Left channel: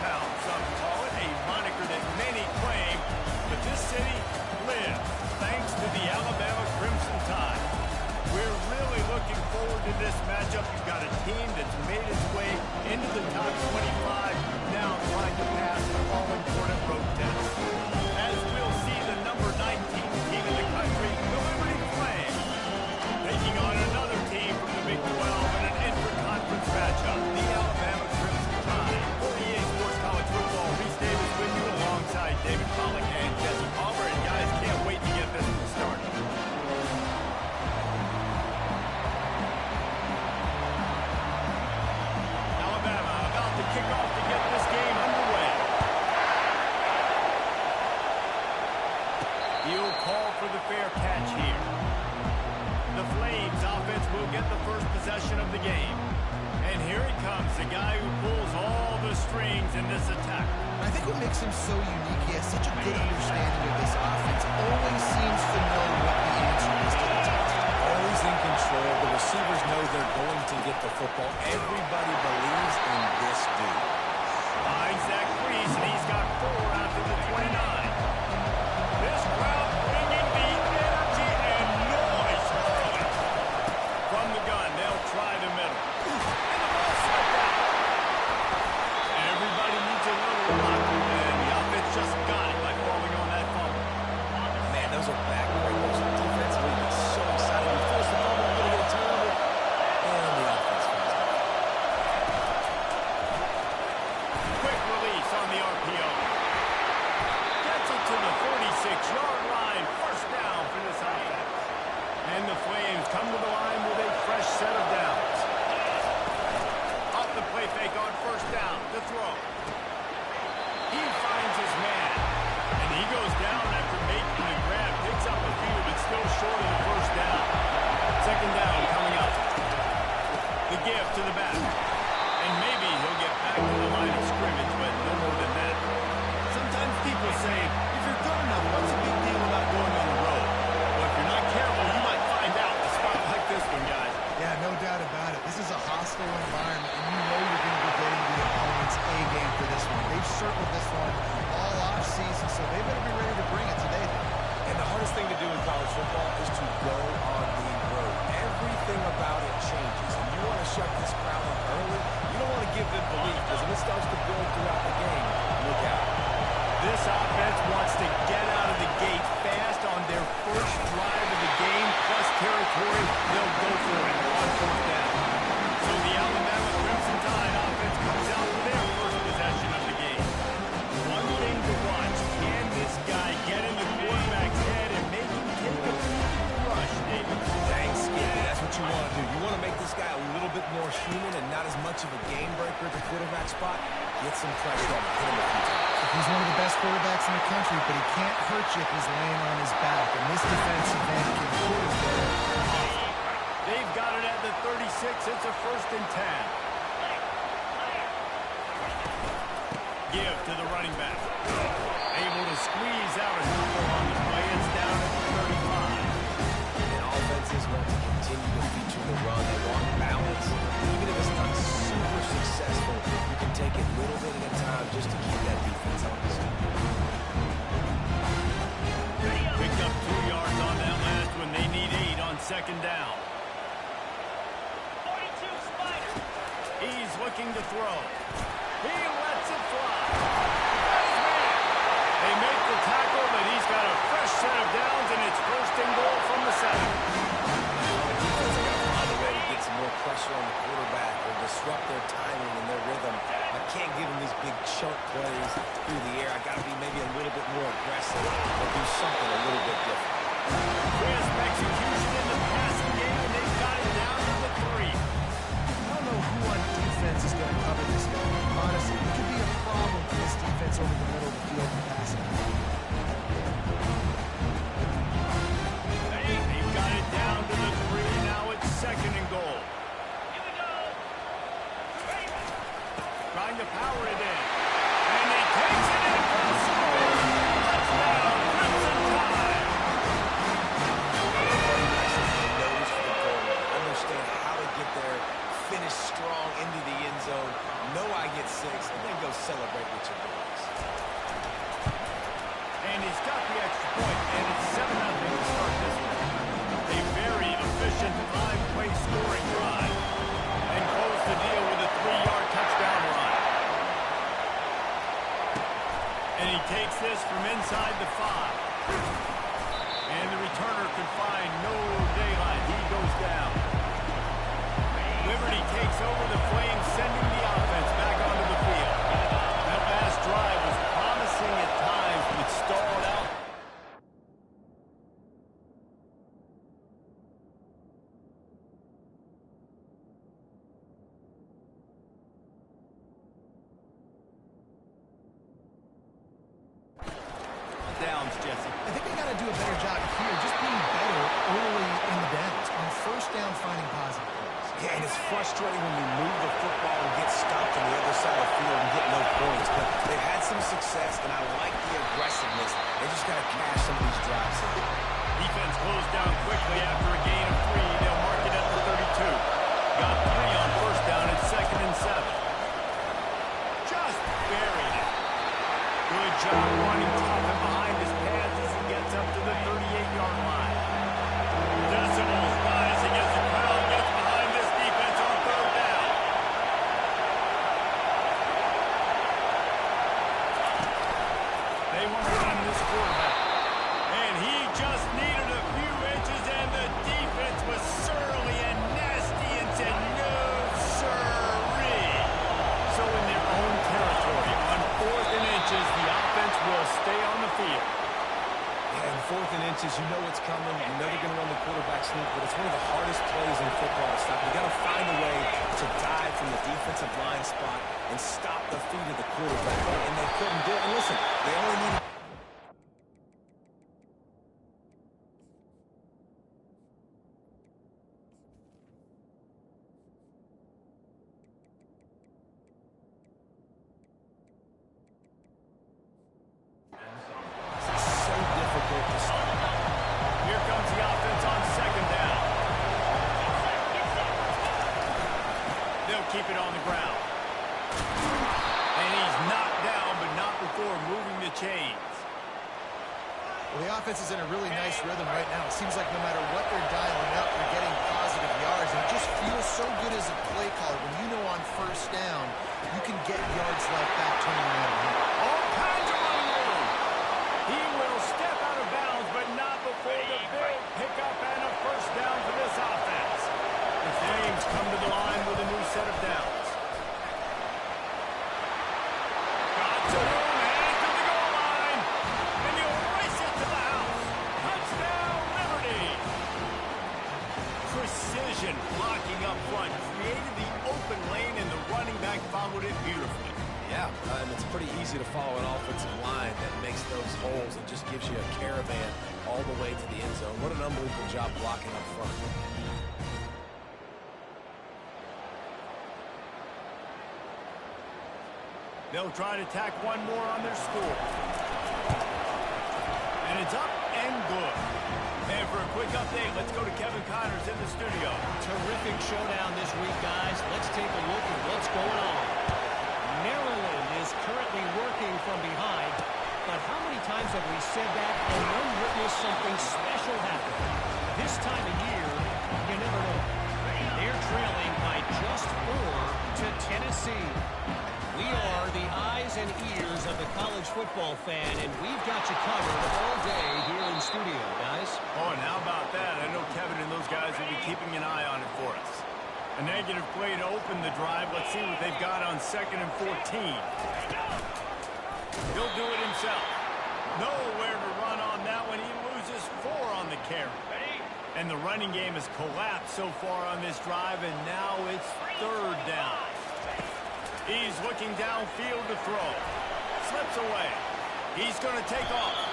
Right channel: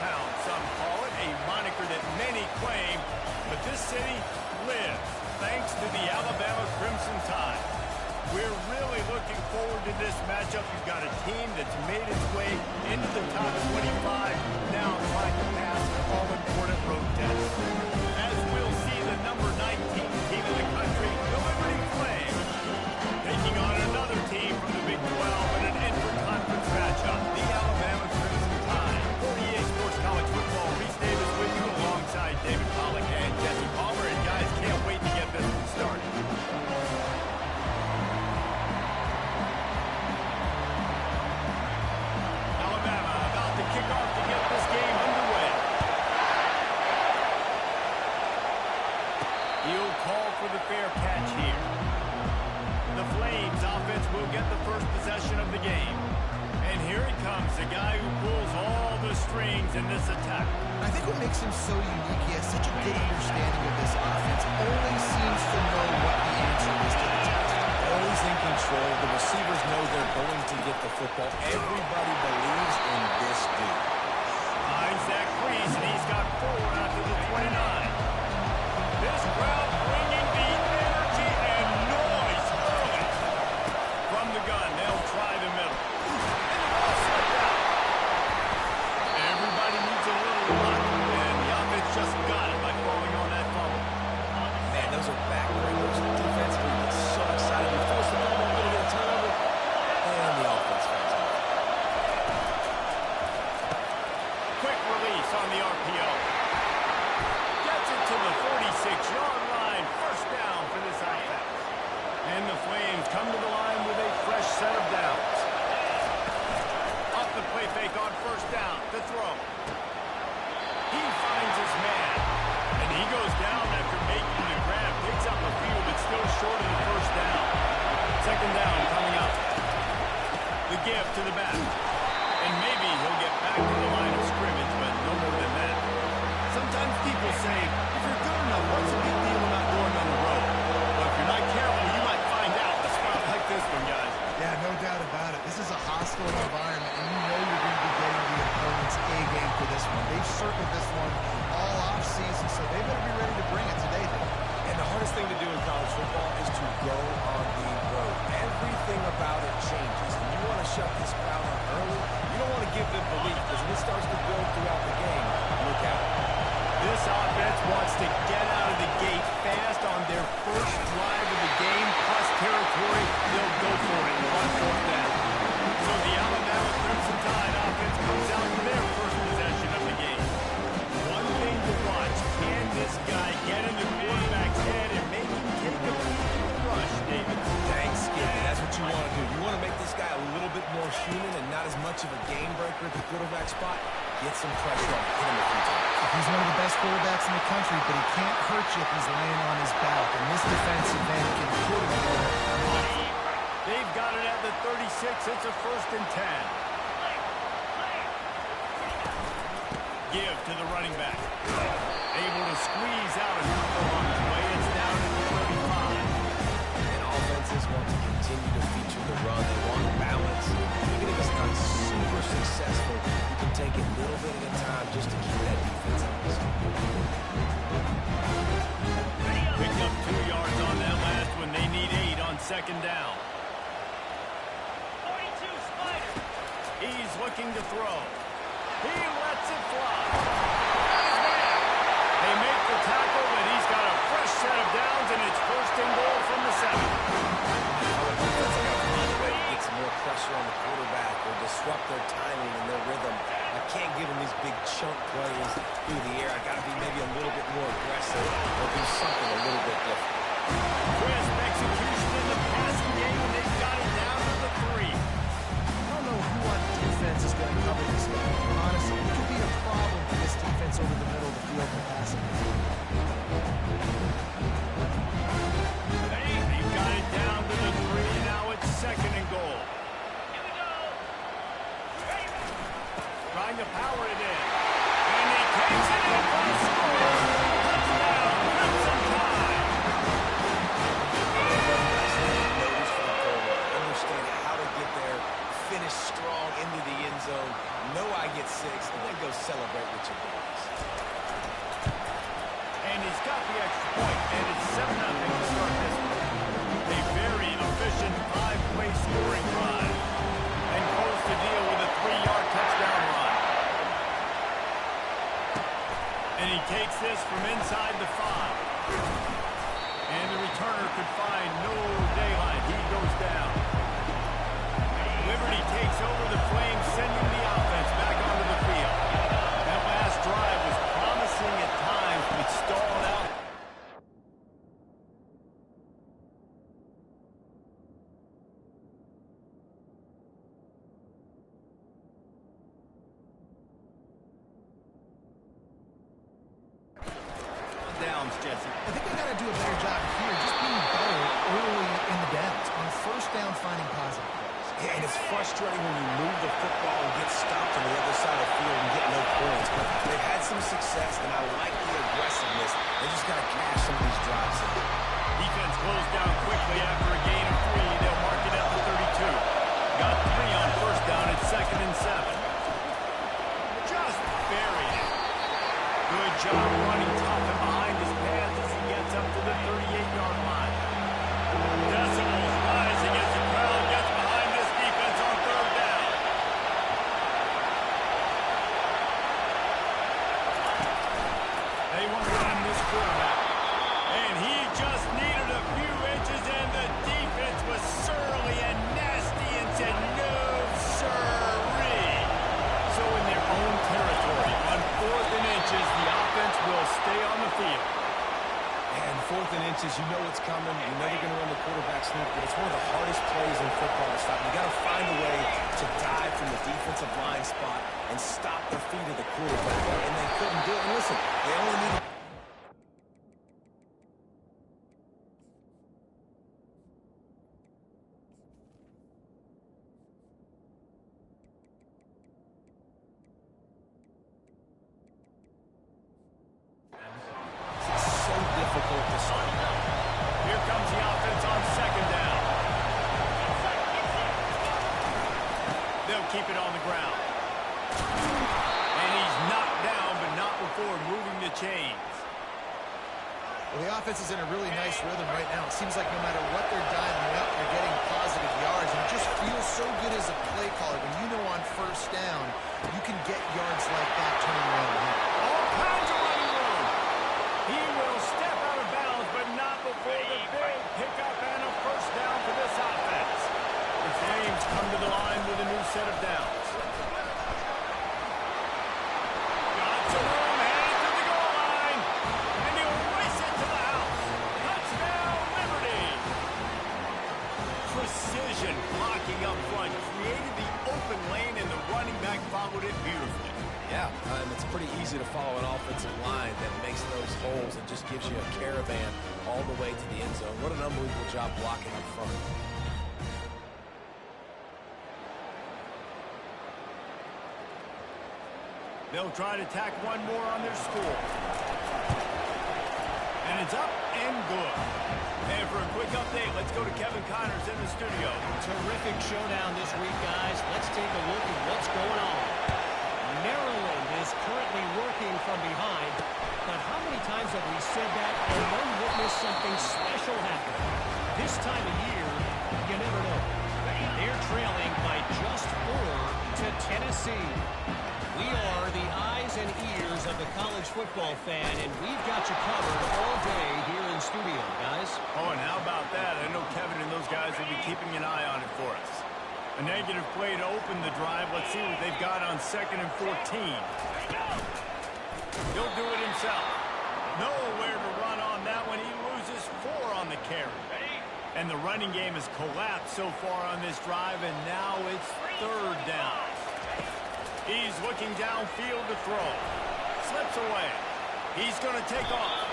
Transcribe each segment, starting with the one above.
town, some call it, a moniker that many claim, but this city lives thanks to the Alabama Crimson Tide. We're really looking forward to this matchup. You've got a team that's made its way into the top 25, now trying to pass an all-important road test. As we'll see the number 19 team in the country, the Liberty Flames, taking on another team from the Big 12 in an intra-conference matchup, the Alabama Crimson Tide. For EA Sports College Football, Reese Davis with you alongside David Pollack and Jesse Palmer. And guys, can't wait to get this one started. Alabama about to kick off to get this game underway. He'll call for the fair catch here. The Flames offense will get the first possession of the game. And here he comes, the guy who pulls all the strings in this attack. I think what makes him so unique, he has such a good understanding of this offense. Always seems to know what the answer is to the test. Always in control. The receivers know they're going to get the football. Everybody believes in this dude. Finds that crease, and he's got 4 after the 29. This crowd bringing the energy and noise early. From the gun, they'll try the middle. And the ball slipped out. Everybody needs a little luck, and the offense just got it by falling on that fumble. Man, those are backbreakers. Defensively, you get so excited. You force the fumble, you're going to get a turnover, and the offense comes out. Quick release on the RPO. Gets it to the 46-yard line. First down for this offense. And the Flames come to the line with a fresh set of downs. Off the play fake on first down to throw. He finds his man. And he goes down after making the grab. Picks up a few, but still short of the first down. Second down coming up. The give to the back. And maybe he'll get back to the line of scrimmage, but no more than that. Sometimes people say, if you're good enough, what's the big deal about going on the road? Well, if you're not careful, you might find out in a spot like this one, guys. Yeah, no doubt about it. This is a hostile environment, and you know you're going to be getting the opponent's A game for this one. They've circled this one all off season, so they better be ready to bring it today, then. And the hardest thing to do in college football is to go on the road. Everything about it changes, and you want to shut this crowd up early. You don't want to give them belief, because if it starts to build throughout the game, look out. This offense wants to get out of the gate fast on their first drive of the game, plus territory. They'll go for it on fourth down. So the Alabama Crimson Tide offense comes out for their first possession of the game. One thing to watch, can this guy get in the quarterback's head and make him take a peek at the rush, David? Dang, Skippy, that's what you want to do. You want to make this guy a little bit more human and not as much of a game breaker at the quarterback spot. Get some pressure on him, hit him a few times. He's one of the best quarterbacks in the country, but he can't hurt you if he's laying on his back, and this defensive end can put him there. They've got it at the 36. It's a 1st and 10. Give to the running back. Able to squeeze out a couple on the play. It's down at the 35. And offenses want to continue to feature the run. They want balance. Even if it's not super successful, you can take it little bit at a time just to keep that defense honest. Picked up 2 yards on that last one. They need 8 on second down. 42 Spider. He's looking to throw. He lets it fly. Got his man. They make the tackle, but he's got a fresh set of downs, and it's 1st and goal from the 7. On the defense, I got to find a way to get some more pressure on the quarterback or disrupt their timing and their rhythm. I can't give them these big chunk plays through the air. I got to be maybe a little bit more aggressive or do something a little bit different. Crisp execution in the passing game, and they've got it down to the 3. I don't know who on defense is going to cover this guy. Honestly, it could be a problem for this defense over the middle of the field for passing. They've got it down to the 3. Now it's 2nd and goal. Here we go. Trying to power it in. And he takes it in for the score. Touchdown, Crimson Tide. Notice for the goal. Understand how to get there, finish strong into the end zone, know I get 6, and then go celebrate he's got the extra point, and it's 7-0 to start this one. A very efficient 5-play scoring drive. And close the deal with a 3-yard touchdown run. And he takes this from inside the 5. And the returner could find no daylight. He goes down. Liberty takes over the Flames, sending the offense back onto the field. That last drive was promising at times, but stalled out. Downs, Jesse. I think they got to do a better job here, just being better early in the downs, on first down finding positive plays. Yeah, and it's frustrating when you move the football and get stopped on the other side of the field and get no points. But they've had some success, and I like the aggressiveness. They just got to cash some of these drives in. Defense closed down quickly after a gain of 3. They'll mark it at the 32. Got 3 on first down at 2nd and 7. Just buried it. Good job running tough and behind his pads as he gets up to the 38-yard line. Decibels rising as the crowd gets behind this defense on 3rd down. They want to run this quarterback. And he just needed a few inches, and the defense was surly and nasty and said, no, sirree. So in their own territory, on 4th and inches, the offense will stay on the field. Yeah, and 4th and inches, you know what's coming. You know they're going to run the quarterback sneak, but it's one of the hardest plays in football to stop. You got to find a way to dive from the defensive line spot and stop the feet of the quarterback. And they couldn't do it. And listen, they only needed... Here comes the offense on 2nd down. They'll keep it on the ground. And he's knocked down, but not before moving the chains. Well, the offense is in a really nice rhythm right now. It seems like no matter what they're dialing up, they're getting positive yards. And it just feels so good as a play caller when you know on first down, you can get yards like that turning around here. All kinds of running room. He will step out of bounds, but not before the big pickup and a first down for this offense. The Flames come to the line with a new set of downs. Got some room, headed to the goal line. And he'll race it to the house. Touchdown, Liberty. Precision blocking up front created the open lane, and the running back followed it beautifully. Yeah, and it's pretty easy to follow an offensive line that makes those holes and just gives you a caravan all the way to the end zone. What an unbelievable job blocking up front. They'll try to tack one more on their score. And it's up and good. And for a quick update, let's go to Kevin Connors in the studio. Terrific showdown this week, guys. Let's take a look at what's going on. Maryland is currently working from behind, but how many times have we said that and then witnessed something special happen? This time of year, you never know. They're trailing by just 4 to Tennessee. We are the eyes and ears of the college football fan, and we've got you covered all day here in studio, guys. Oh, and how about that? I know Kevin and those guys will be keeping an eye on it for us. A negative play to open the drive. Let's see what they've got on 2nd and 14. He'll do it himself. Nowhere to run on that one. He loses 4 on the carry. And the running game has collapsed so far on this drive, and now it's 3rd down. He's looking downfield to throw. Slips away. He's going to take off.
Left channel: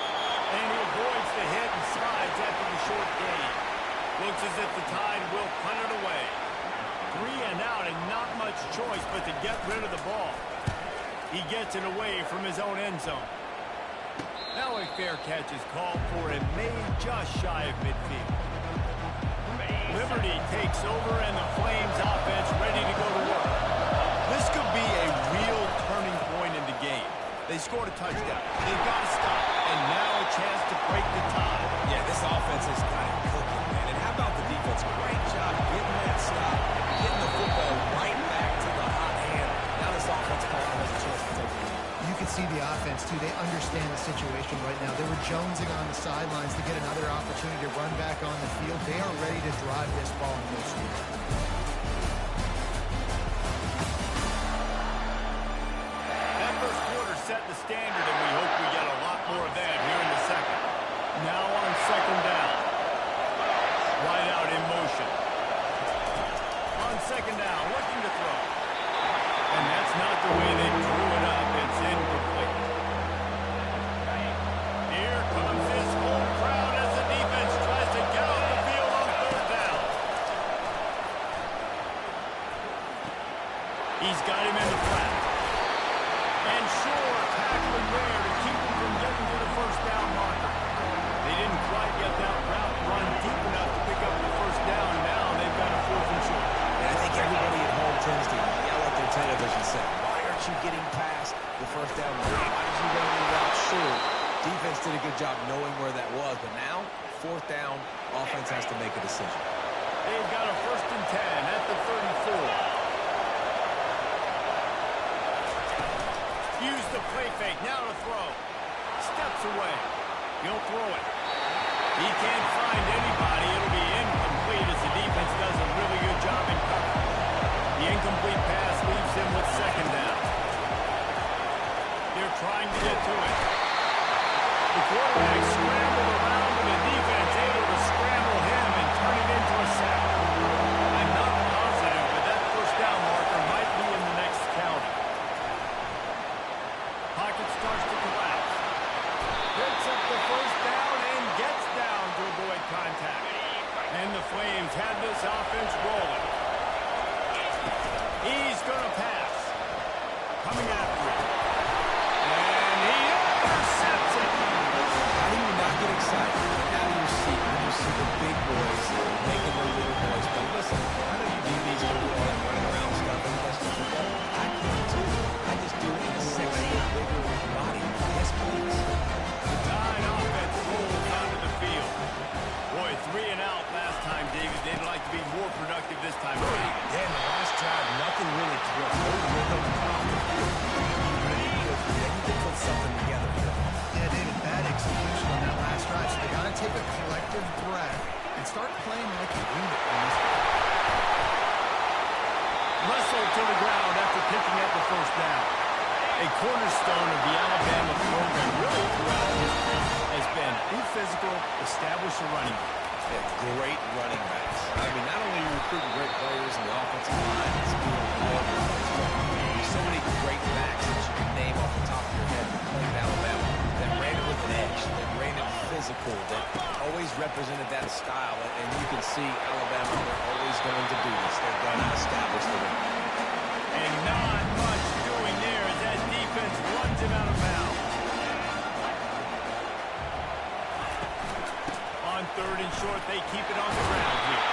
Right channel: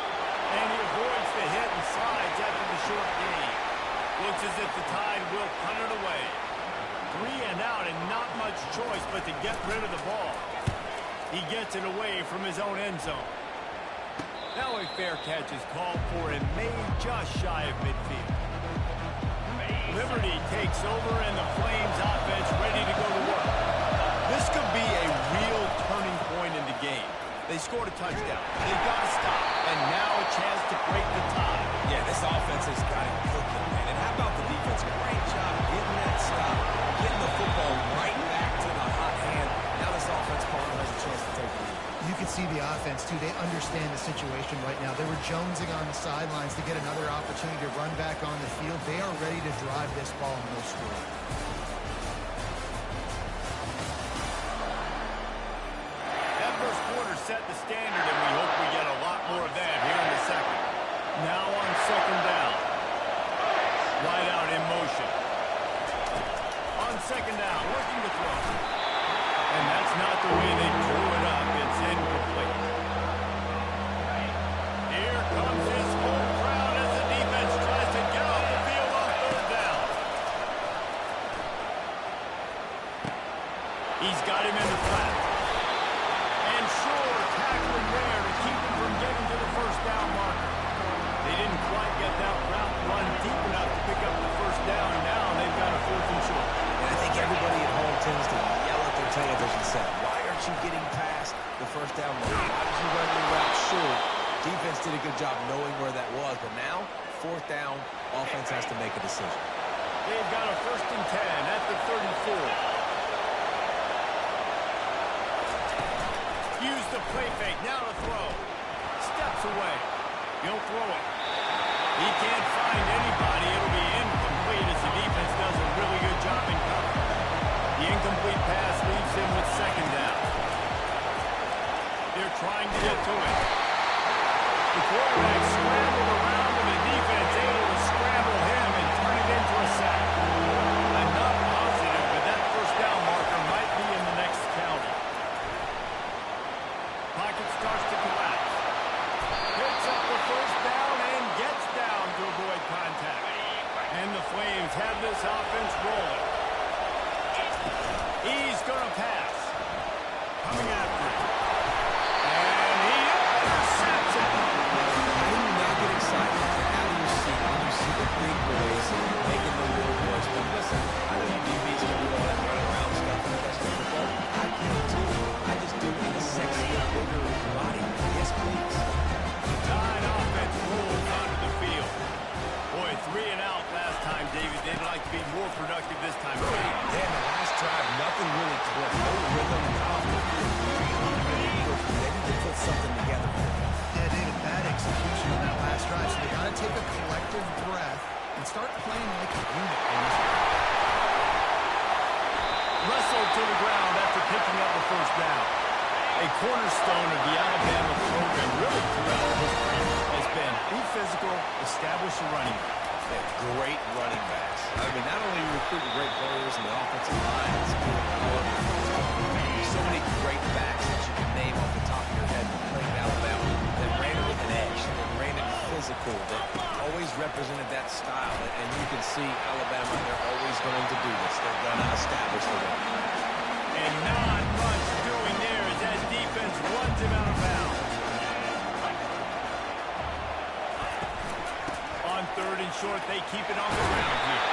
And he avoids the hit and slides after the short gain. Looks as if the Tide will punt it away. 3 and out, and not much choice but to get rid of the ball. He gets it away from his own end zone. Now a fair catch is called for and made just shy of midfield. Liberty takes over, and the Flames offense ready to go to work. This could be a real turning point in the game. They scored a touchdown. They've got to stop. And now a chance to break the tie. Yeah, this offense has got it cooking, man. And how about the defense? Great job getting that stop, getting the football right back to the hot hand. Now this offense, Palmer, has a chance to take the lead. You can see the offense, too. They understand the situation right now. They were jonesing on the sidelines to get another opportunity to run back on the field. They are ready to drive this ball and go score. That first quarter set the standard, and we hope we get a lot more of that here in the second. Now on second down. Wide out in motion. On second down, looking to throw. And that's not the way they drew it up. It's incomplete. Here comes his home crowd as the defense tries to get off the field on third down. He's got him in the flat. And sure, tackling there to keep him from getting to the first down marker. They didn't quite get that route run deep enough to pick up the first down. Now they've got a 4th and short. And I think everybody at home tends to yell at their television set, why aren't you getting past the first down marker? Why did you run your route short? Defense did a good job knowing where that was, but now, 4th down, offense has to make a decision. They've got a 1st and 10 at the 34. Use the play fake, now to throw. Steps away. He'll throw it. He can't find anybody. It'll be incomplete as the defense does a really good job in cover. The incomplete pass leaves him with second down. They're trying to get to it. The quarterback scrambled around, but the defense able to scramble him and turn it into a sack. I'm not positive, but that first down marker might be in the next county. Pocket starts to collapse. Picks up the first down and gets down to avoid contact. And the Flames have this offense rolling. He's going to pass. Coming after it. And he intercepts it. How do you not get excited and out of your seat when you see the big boys making the little boys play? Listen, I know you DBs can do all that running around stuff and catch the football. I can too. I just do it in a sexier, bigger body. Yes, please. The Tide offense rolls onto the field. Boy, 3 and out last time, David. They'd like to be more productive this time around. Yeah, in the last drive, nothing really clicked. No rhythm. Off the field. Really quickly. They need to put something together here. Yeah, David, bad execution on that last drive. So they got to take a collective breath and start playing like a unit on this one. Wrestled to the ground after picking up the first down. A cornerstone of the Alabama program really throughout history has been be physical, establish a running back. Great running backs. I mean, not only are you recruiting great players in the offensive line and skill all over the place, but there's so many great backs that you can name off the top of your head that played at Alabama that ran it with an edge, that ran it physical, that always represented that style. And you can see Alabama, they're always going to do this. They're going to establish the run. And not much doing there as that defense runs him out of bounds. On 3rd and short, they keep it on the ground here.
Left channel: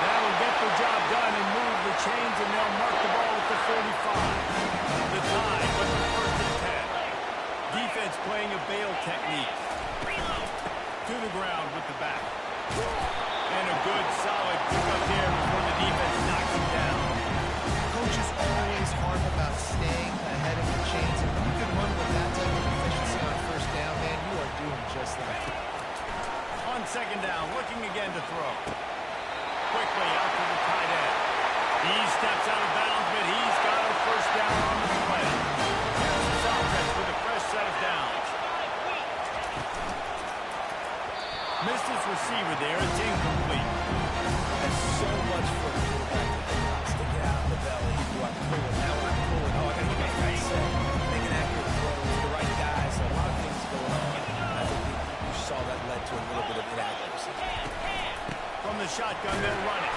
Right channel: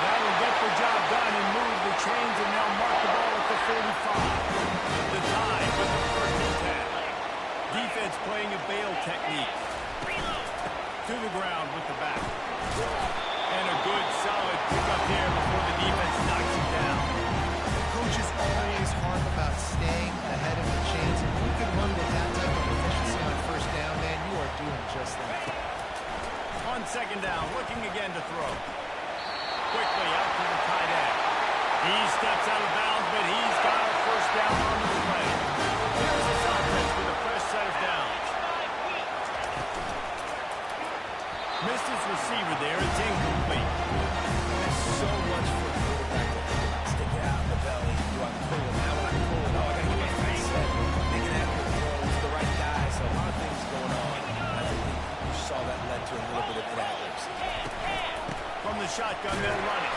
That'll get the job done and move the chains, and they'll mark the ball at the 45. The Tide with the 1st and 10. Defense playing a bail technique. To the ground with the back. And a good, solid pickup there before the defense knocks him down. Coaches always harp about staying ahead of the chains, and when you can run with that type of efficiency on first down, man, you are doing just that. On second down, looking again to throw. Quickly out to the tight end. He steps out of bounds, but he's got a first down on the play. Here's his offense with a fresh set of downs. Missed his receiver there. It's incomplete. There's so much for a quarterback to think about. Stick it out in the belly. Do I pull it? How would I pull it? Oh, I got to get my feet set. Making accurate throws to the right guy. So a lot of things going on. And I think you saw that led to a little bit of inaccuracy. From the shotgun, they'll run it.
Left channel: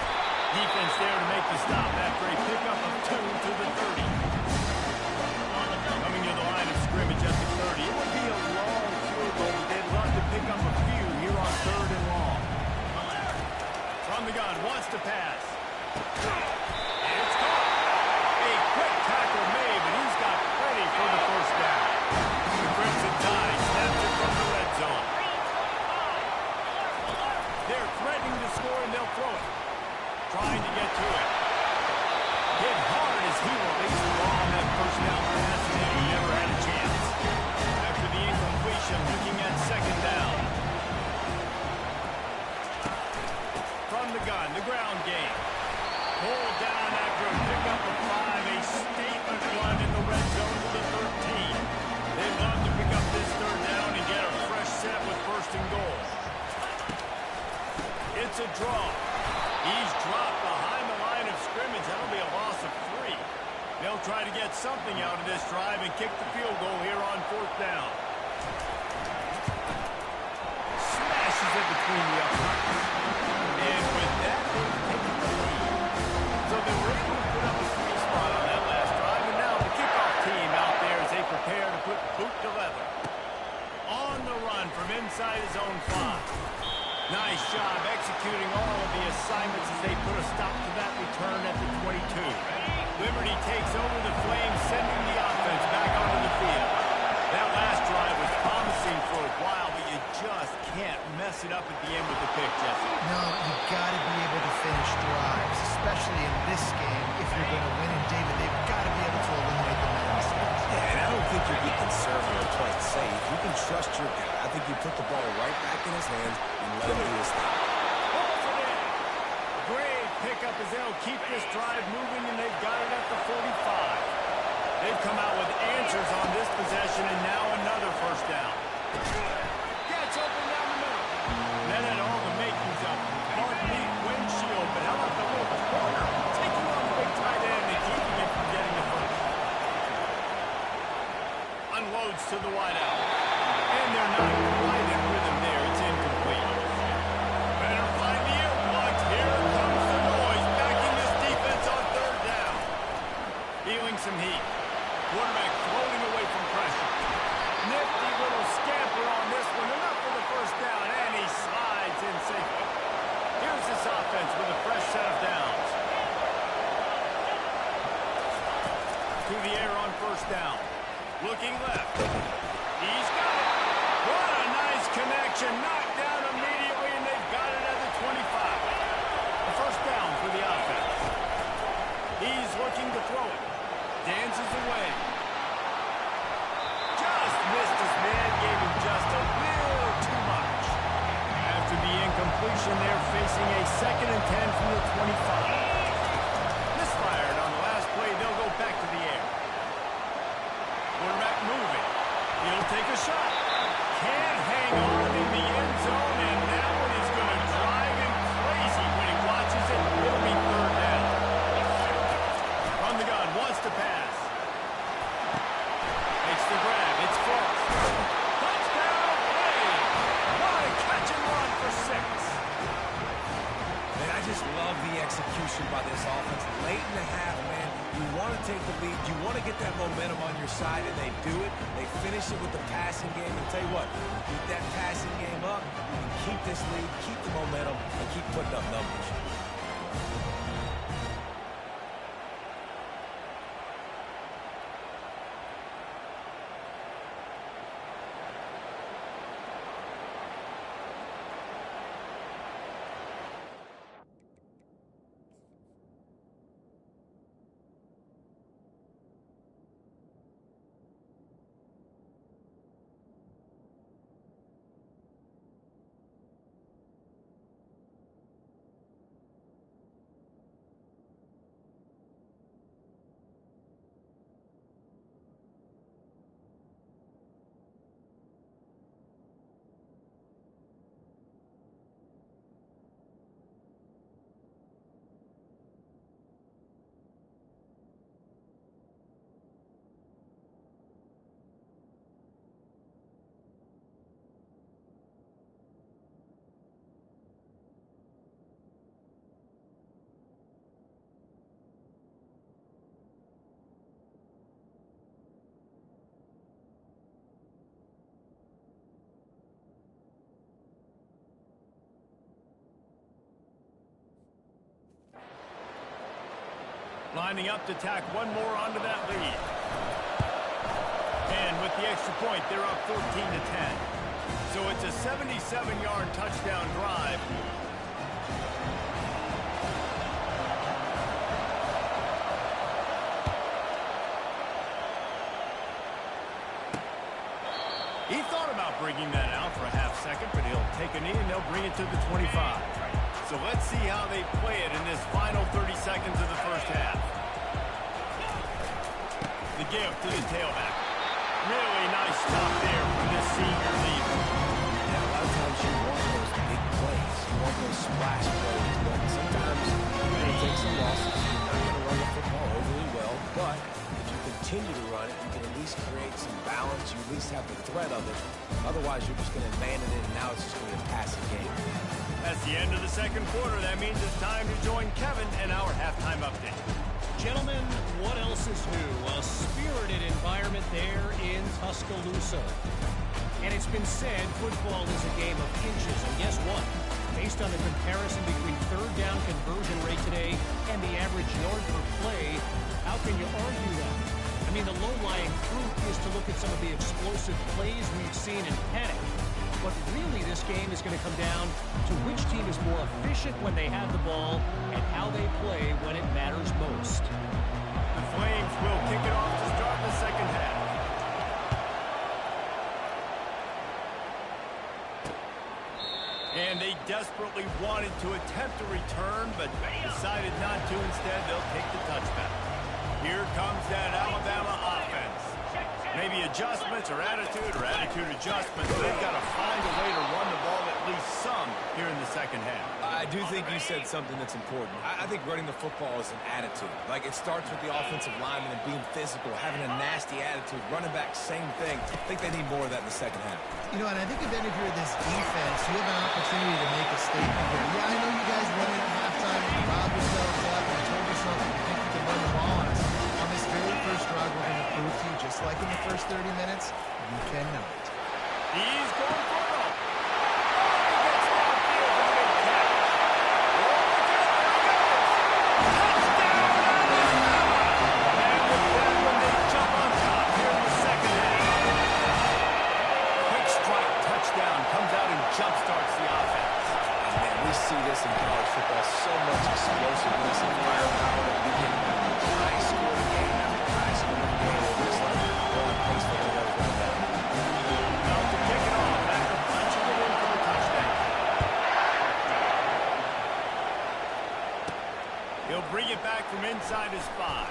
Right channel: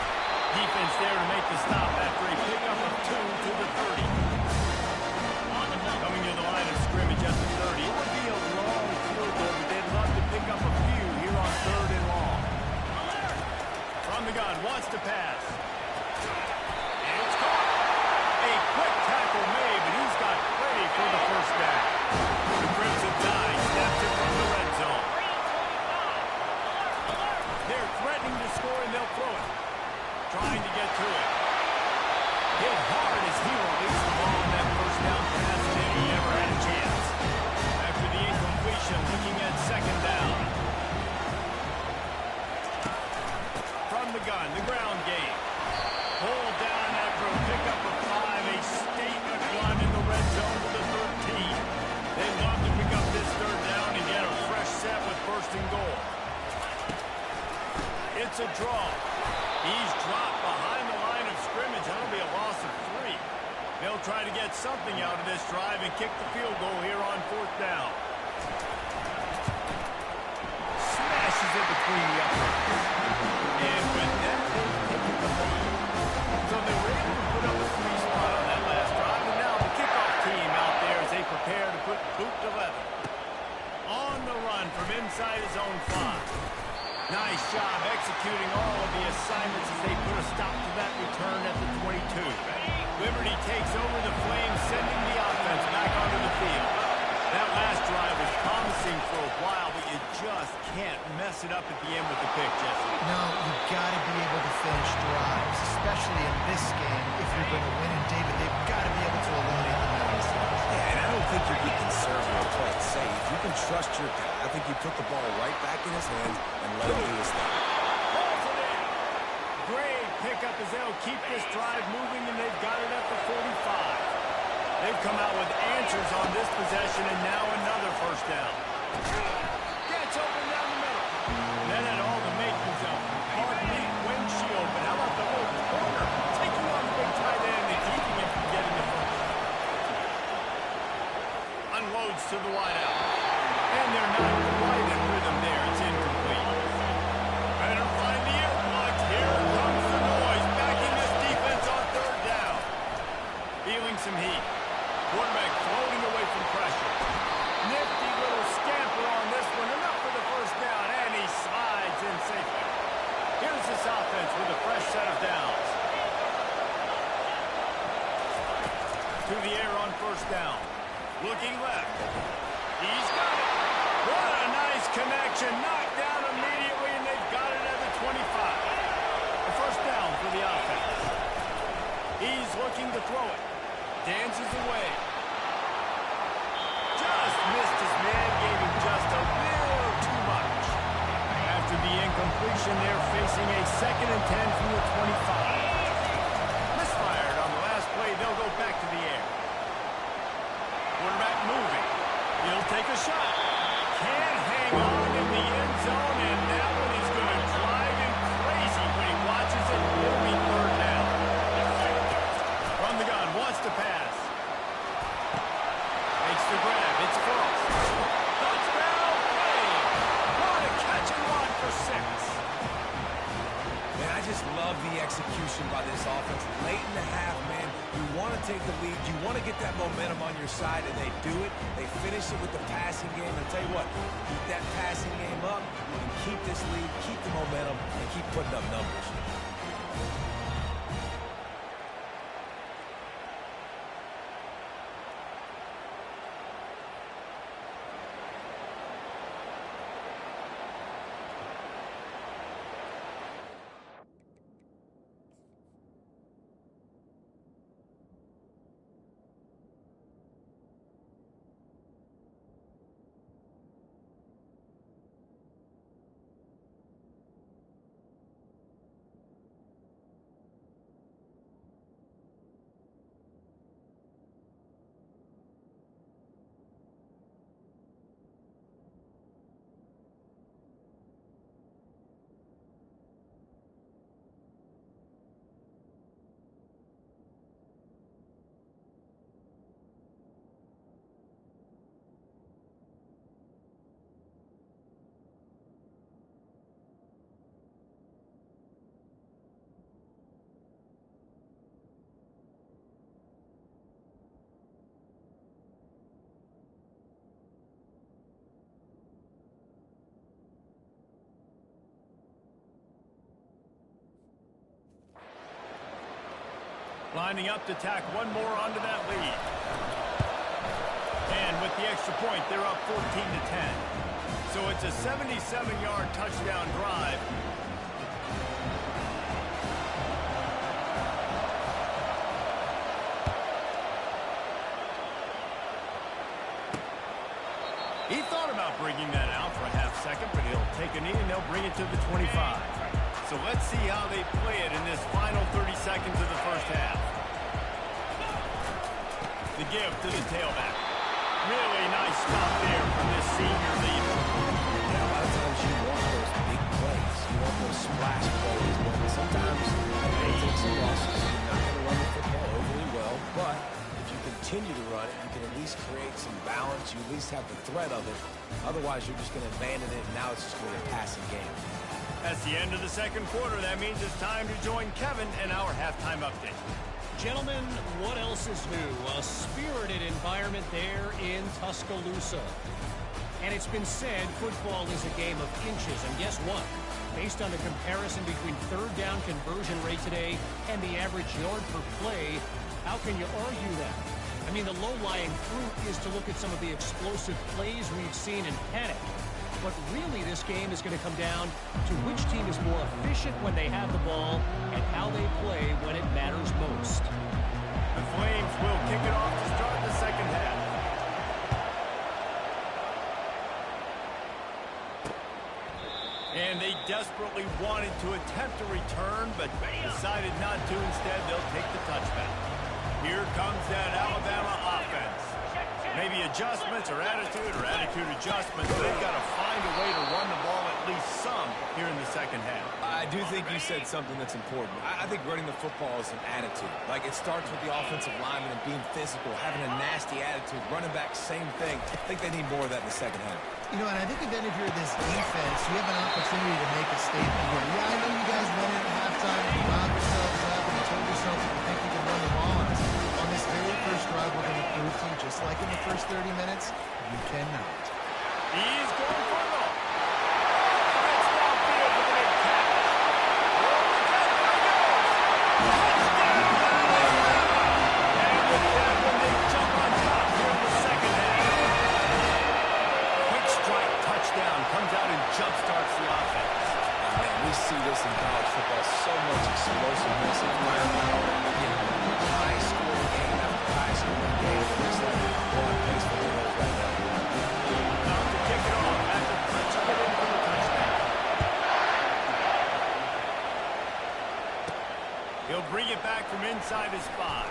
Defense there to make the stop after a pickup of 2 to the 30. Coming to the line of scrimmage at the 30. It would be a long field goal, but they'd love to pick up a few here on 3rd and long. From the gun, wants to pass. It's caught. A quick tackle made, but he's got plenty for the first down. The Crimson Tide snaps it from the red zone. 3:25. Alert, alert. They're threatening to score, and they'll throw it. Trying to get to it. Hit hard as he released the ball on that first down pass, and he never had a chance. After the incompletion, looking at second down. From the gun, the ground game. Pulled down after a pickup of 5, a statement run in the red zone to the 13. They love to pick up this third down and get a fresh set with first and goal. It's a draw. He's dropped behind the line of scrimmage. That'll be a loss of 3. They'll try to get something out of this drive and kick the field goal here on fourth down. Smashes it between the uprights. And with that, they've taken the lead. So they were able to put up a 3 spot on that last drive, and now the kickoff team out there as they prepare to put boot to leather. On the run from inside his own 5. Nice job executing all of the assignments as they put a stop to that return at the 22. Liberty takes over the Flames, sending the offense back onto the field. That last drive was promising for a while, but you just can't mess it up at the end with the pick, Jesse. No, you've got to be able to finish drives, especially in this game. If you're going to win, and David, they've got to be able to eliminate the mental mistakes. Yeah, and I don't think you're being conservative or play it safe. You can trust your guy. I think you put the ball right back in his hands and let him do his thing. Pulls it in. Great pickup as they'll keep this drive moving, and they've got it at the 45. They've come out with answers on this possession, and now another first down. Gets open down the middle. That had all the makings of, pardon me, windshield, but how about the little corner taking on the big tight end and keeping him from getting the first? Unloads to the wideout. And they're not quite in rhythm there. It's incomplete. Better find the earplugs. Here comes the noise, backing this defense on third down. Feeling some heat. Quarterback floating away from pressure. Nifty little scamper on this one. Enough for the first down, and he slides in safely. Here's this offense with a fresh set of downs. To the air on first down. Looking left. He's got it. What a nice connection. Knocked down immediately, and they've got it at the 25. A first down for the offense. He's looking to throw it. Dances away. Just missed his man, gave him just a little too much. After the incompletion, they're facing a 2nd and 10 from the 25. Misfired on the last play, they'll go back to the air. Quarterback moving. He'll take a shot. Can't hang on in the end zone, and that one is going to drive him crazy when he watches it. It'll be third down. From the gun, wants to pass. Makes the grab. It's Frost. Touchdown, Flames! What a catch and run for 6. Man, I just love the execution by this offense. Late in the half, man, you want to take the lead. You want to get that momentum on your side, and they do it. They finish it with the passing game. And I'll tell you what, keep that passing game up. You can keep this lead, keep the momentum, and keep putting up numbers. Lining up to tack one more onto that lead. And with the extra point, they're up 14-10. So it's a 77-yard touchdown drive. He thought about bringing that out for a half second, but he'll take a knee and they'll bring it to the 25. So let's see how they play it in this final 30 seconds of the first half. The give to the tailback. Really nice stop there from this senior leader. Yeah, a lot of times you want those big plays. You want those splash plays, but sometimes you're going to take some losses. You're not going to run the football overly well, but if you continue to run it, you can at least create some balance. You at least have the threat of it. Otherwise, you're just going to abandon it, and now it's just going to be a passing game. That's the end of the second quarter. That means it's time to join Kevin and our halftime update. Gentlemen, what else is new? A spirited environment there in Tuscaloosa. And it's been said football is a game of inches. And guess what? Based on the comparison between third down conversion rate today and the average yard per play, how can you argue that? I mean, the low-lying fruit is to look at some of the explosive plays we've seen in panic. But really, this game is going to come down to which team is more efficient when they have the ball and how they play when it matters most. The Flames will kick it off to start the second half. And they desperately wanted to attempt a return, but decided not to. Instead, they'll take the touchback. Here comes that Alabama offense. Maybe adjustments or attitude adjustments. They've got to find a way to run the ball at least some here in the second half. I do think you said something that's important. I think running the football is an attitude. Like, it starts with the offensive lineman and being physical, having a nasty attitude. Running back, same thing. I think they need more of that in the second half. You know, and I think if you're this defense, you have an opportunity to make a statement here. Yeah, I know you guys went in at halftime and you riled yourselves up and you told yourself that you think you can run the ball on us. On this very first drive, we're going to prove to you, just like in the first 30 minutes, you cannot. He's going for it all. Oh, he gets downfield for the big catch. Oh, look out, there he goes. Touchdown, Alabama! And with that one, they jump on top here in the second half. Quick strike touchdown comes out and jumpstarts the offense. Man, we see this in college football, so much explosiveness and firepower. We get high-scoring game after high-scoring game. It looks like we're on pace for one of those right now. About to kick it off after punching it in for the touchdown. He'll bring it back from inside his 5.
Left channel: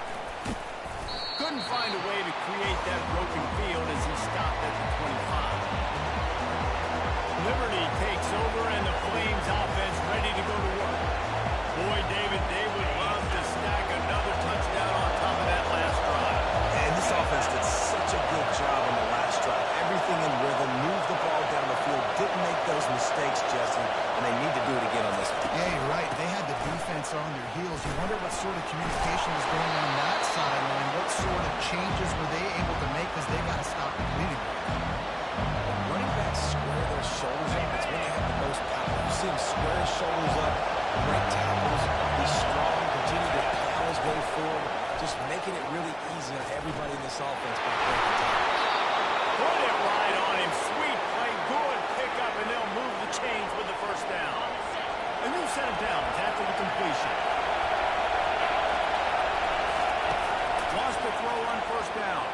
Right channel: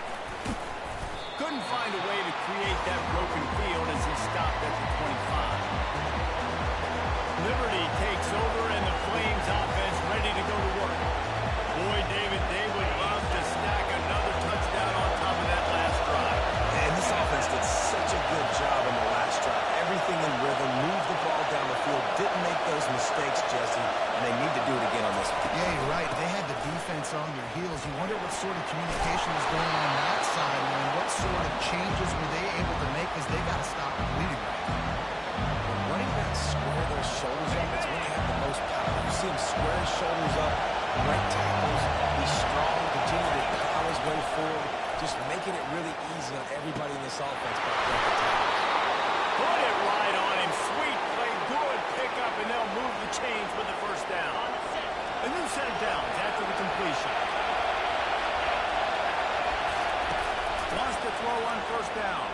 Couldn't find a way to create that broken field as he stopped at the 25. Liberty takes over, and the Flames offense ready to go to work. Boy, David, they would love to stack another touchdown on top of that last drive. And this offense did such a good job on the last drive. Everything in rhythm, moved the ball down the field, didn't make those mistakes, Jesse, and they need to do it again on this one. Yeah, you're right. They had the defense on their heels. You wonder what sort of communication was going on that sideline. What sort of changes were they able to make, because they got to stop the bleeding right now. Running backs square their shoulders up. It's when they have the most power. You see him square his shoulders up, break tackles, be strong, continue to plow his way forward, just making it really easy on everybody in this offense by breaking tackles. Put it right on him. Sweet play, good pickup, and they'll move the chains with the first down. A new set of downs after the completion. Wants to throw on first down.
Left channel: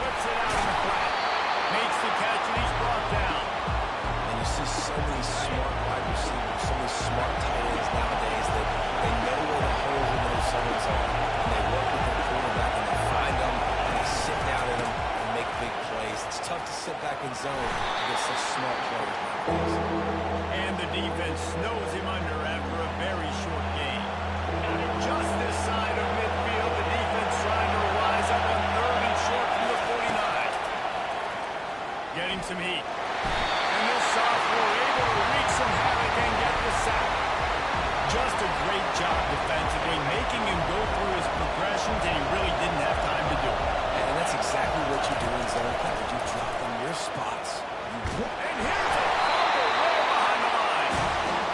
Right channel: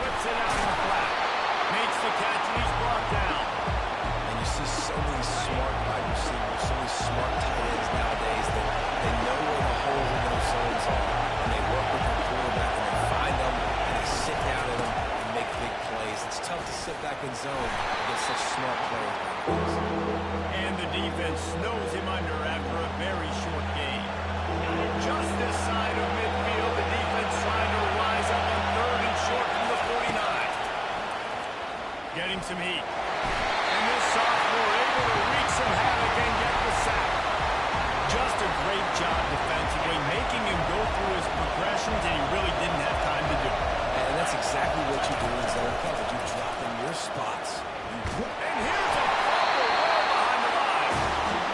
Flips it out in the flat. Makes the catch, and he's brought down. And you see so many smart wide receivers, so many smart tight ends nowadays that they know where the holes in those zones are, and they work with their quarterback, and they find them, and they sit down in them and make big plays. It's tough to sit back in zone against such smart players nowadays. And the defense snows him under after a very short game. Just this side of midfield, the defense trying to rise up on third and short from the 49. Getting some heat. And this sophomore able to wreak some havoc and get the sack. Just a great job defensively, making him go through his progressions, and he really didn't have time to do it. And that's exactly what you do in zone coverage. You drop in your spots. And here's a fumble way behind the line.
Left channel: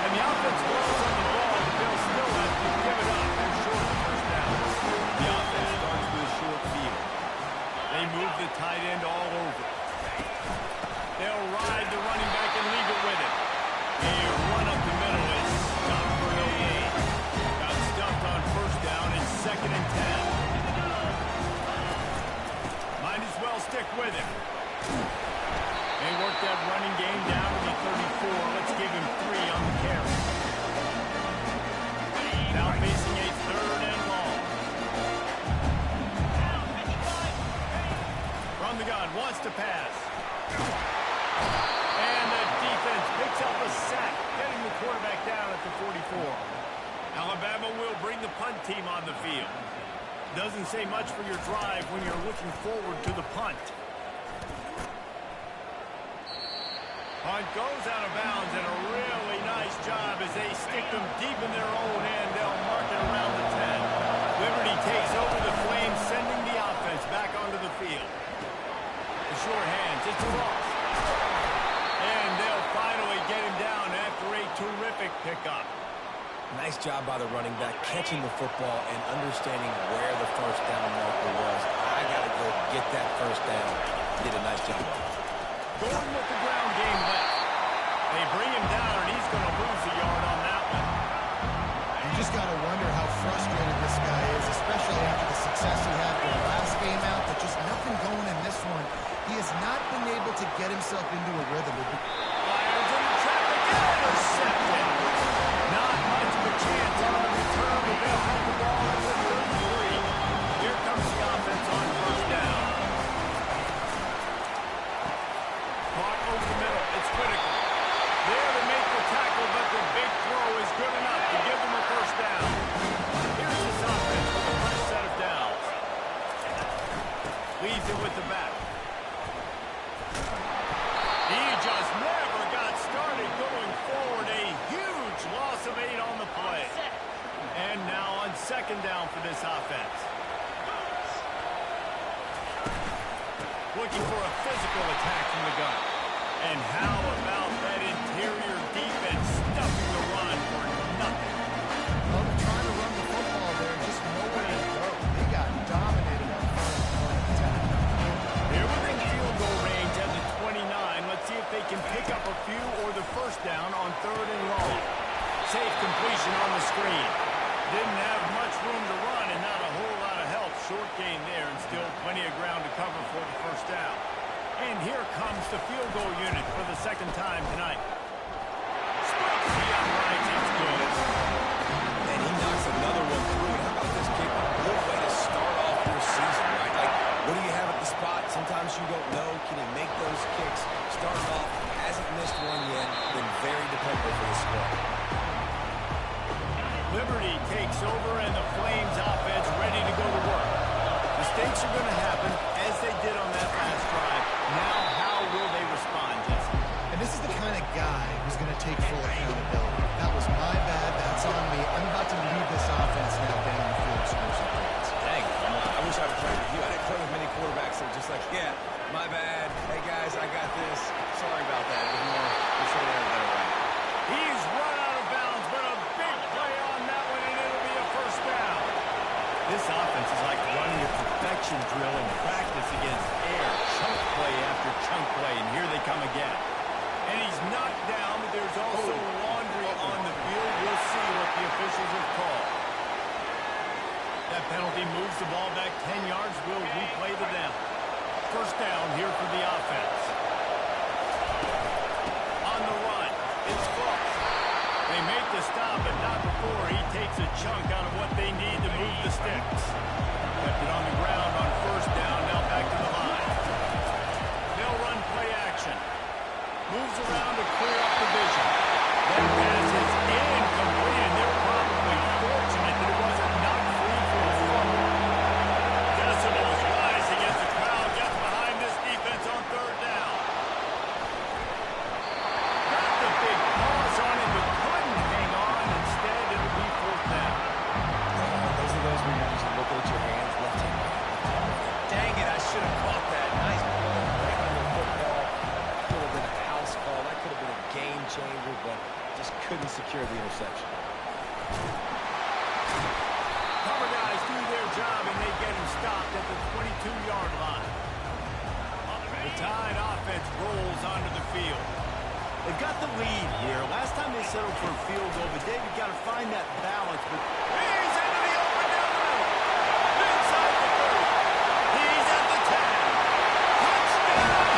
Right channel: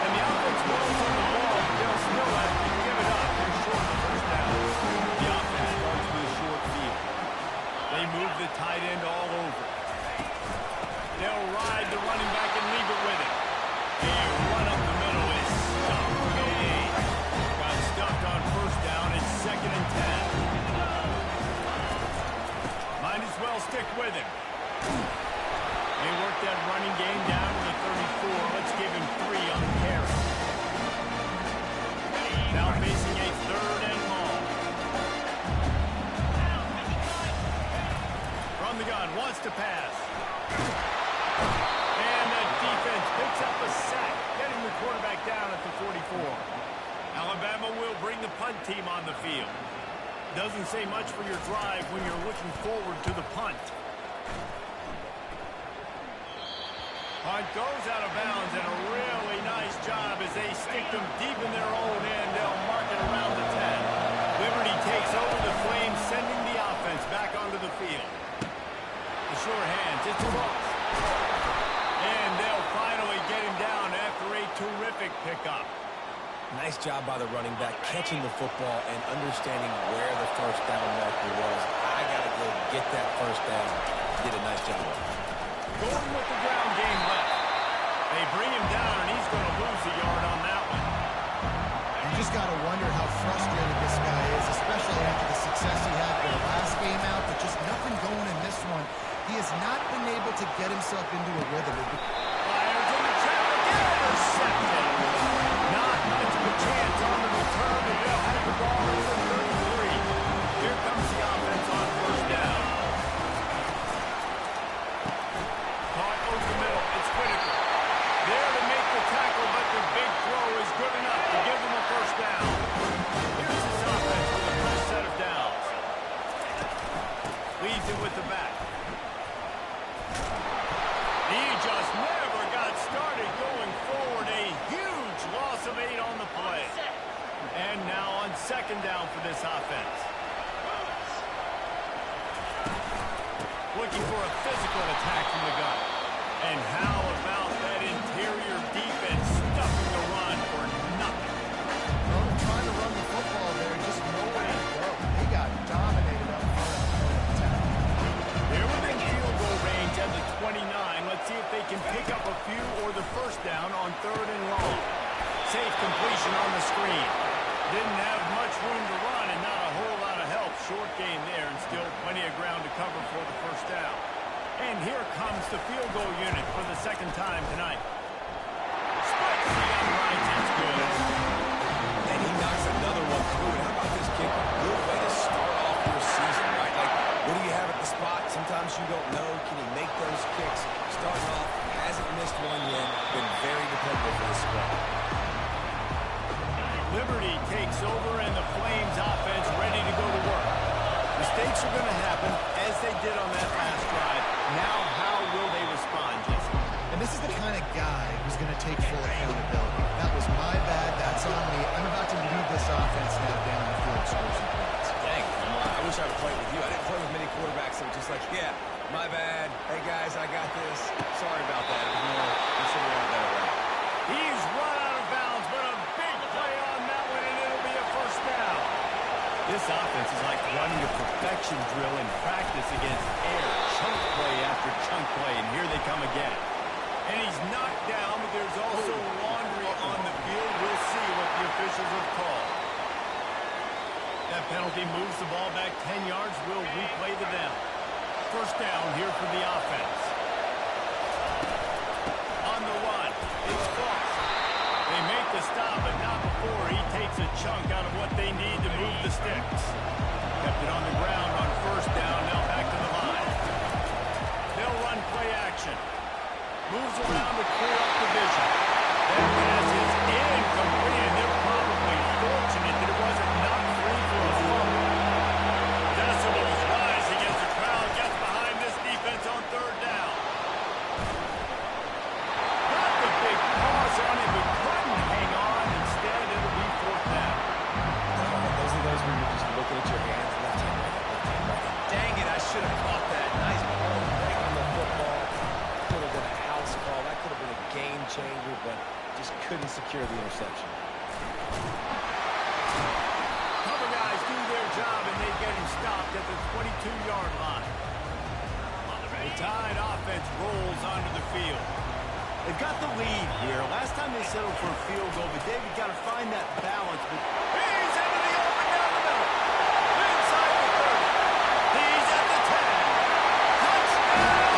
And the offense blows on the ball, but they'll still have to give it up. They're inside the running back and leave it with him. A run up the middle is stuffed for no gain. Got stuffed on first down and 2nd and 10. Might as well stick with him. They work that running game down to the 34. Let's give him 3 on the carry. Now facing a 3rd and long. From the gun, wants to pass. And the defense picks up a sack, getting the quarterback down at the 44. Alabama will bring the punt team on the field. Doesn't say much for your drive when you're looking forward to the punt. Punt goes out of bounds, and a really nice job as they stick them deep in their own end. They'll mark it around the 10. Liberty takes over the Flames, sending the offense back onto the field. The short hands, it's Ross. And they'll finally get him down after a terrific pickup. Nice job by the running back, catching the football and understanding where the first down marker was. I got to go get that first down. Did a nice job. Going with the ground game left. They bring him down, and he's going to lose a yard on that one. You just got to wonder how frustrated this guy is, especially after the success he had for the last game out, but just nothing going in this one. He has not been able to get himself into a rhythm. Fires into traffic, intercepted. Not much of a chance on the return, but they'll have the ball at the 33. Here comes the offense on first down. Caught over the middle. It's Whitaker. There to make the tackle, but the big throw is good enough to give them a first down. Here's this offense with a fresh set of downs. Leads it with the back. He just never got started going forward. A huge loss of 8 on the play. And now on 2nd down for this offense. Looking for a physical attack from the gun. And how about that interior defense stuffing the run for nothing? Well, they're trying to run the football there, just nowhere to go. They got dominated up front at the point of attack. They're within field goal range at the 29. Let's see if they can pick up a few or the first down on 3rd and long. Safe completion on the screen. Didn't have much room to run and not a whole lot of help. Short gain there and still plenty of ground to cover for the first down. And here comes the field goal unit for the 2nd time tonight. Splits the uprights. It's good. And he knocks another one through. And how about this kick? A good way to start off your season, right? Like, what do you have at the spot? Sometimes you don't know. Can he make those kicks? Starting off, hasn't missed one yet. Been very dependable for the squad. Liberty takes over, and the Flames offense ready to go to work. Mistakes are going to happen, as they did on that last drive. Now, how will they respond, Jesse? And this is the kind of guy who's going to take full accountability. That was my bad. That's on me. I'm about to lead this offense now down the field scoring some points. Dang, I wish I would play with you. I didn't play with many quarterbacks that were just like, yeah, my bad. Hey, guys, I got this. Sorry about that. It was more, we should have ran a better route. He's run out of bounds, but a big play on that one, and it'll be a first down. This offense is like running a perfection drill in practice against air. Chunk play after chunk play, and here they come again. And he's knocked down, but there's also laundry on the field. We'll see what the officials have called. That penalty moves the ball back 10 yards. We'll replay the down. First down here for the offense. On the run, it's Foss. They make the stop, but not before he takes a chunk out of what they need to move the sticks. Kept it on the ground on first down, now back to the line. They'll run play action. Moves around to clear up the vision. That pass is incomplete, and they're probably fortunate that it wasn't knocked free for a fumble. Decibels rising as the crowd gets behind this defense on 3rd down. Got the big pause on it, but couldn't hang on. Instead, it'll be 4th down. Those are those where you're just looking at your hands, left hand, right hand, left hand, right hand. Dang it, I should have caught that. Nice ball, break on the football. Could have been a house call. That could have been a game changer, but just couldn't secure the interception. Cover guys do their job, and they get him stopped at the 22-yard line. The Tide offense rolls onto the field. They've got the lead here. Last time they settled for a field goal, but David got to find that balance. But he's into the open down the middle. Inside the 30. He's at the 10. Touchdown!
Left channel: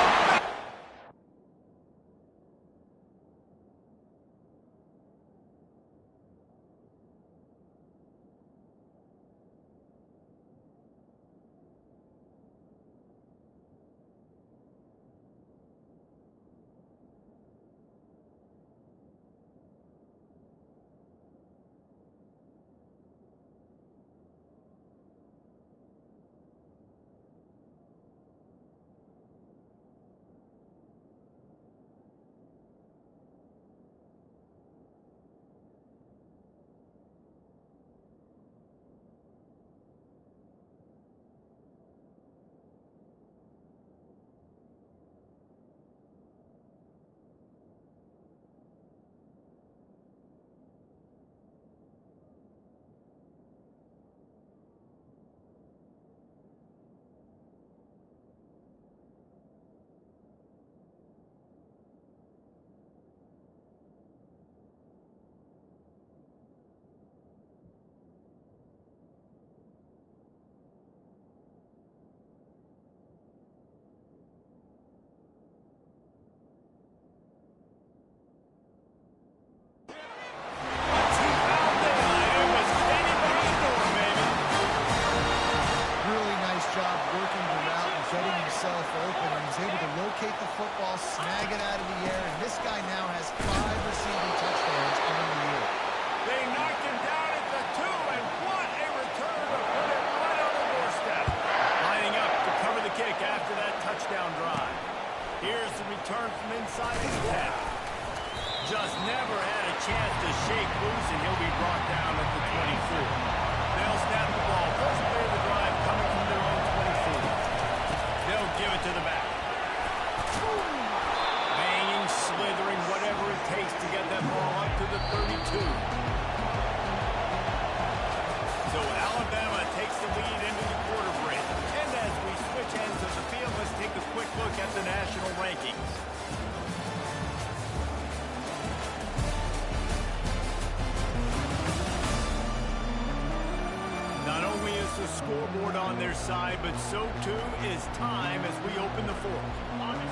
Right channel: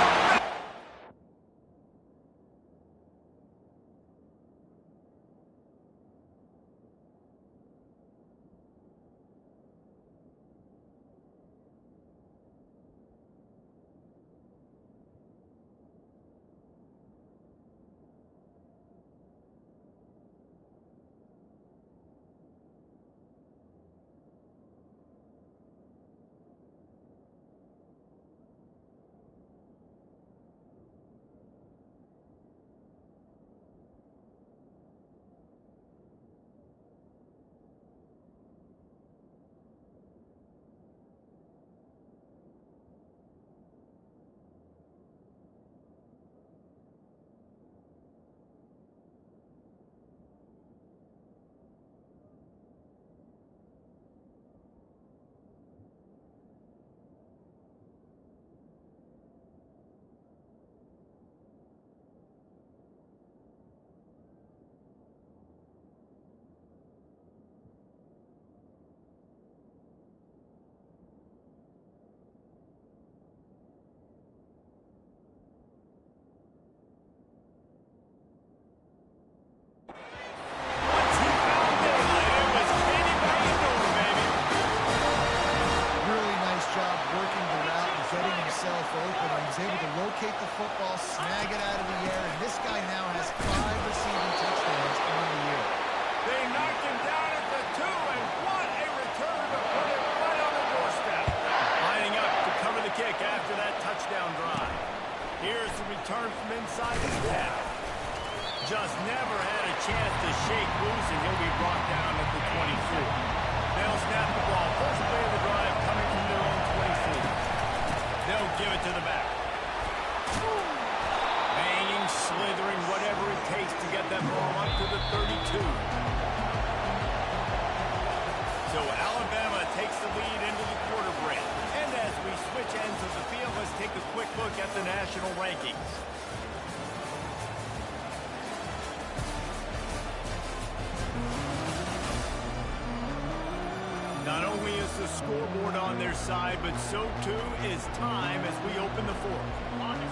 Open, and he's able to locate the football, snag it out of the air, and this guy now has 5 receiving touchdowns on the year. They knocked him down at the 2, and what a return to put it right on the doorstep. Lining up to cover the kick after that touchdown drive. Here's the return from inside the 10. Just never had a chance to shake loose, and he'll be brought down at the 24. They'll snap the ball. First play of the drive coming from their own 24. They'll give it to the back. Banging, slithering, whatever it takes to get that ball up to the 32. So Alabama takes the lead into the quarter break. And as we switch ends of the field, let's take a quick look at the national rankings. Not only is the scoreboard on their side, but so too is time as we open the fourth.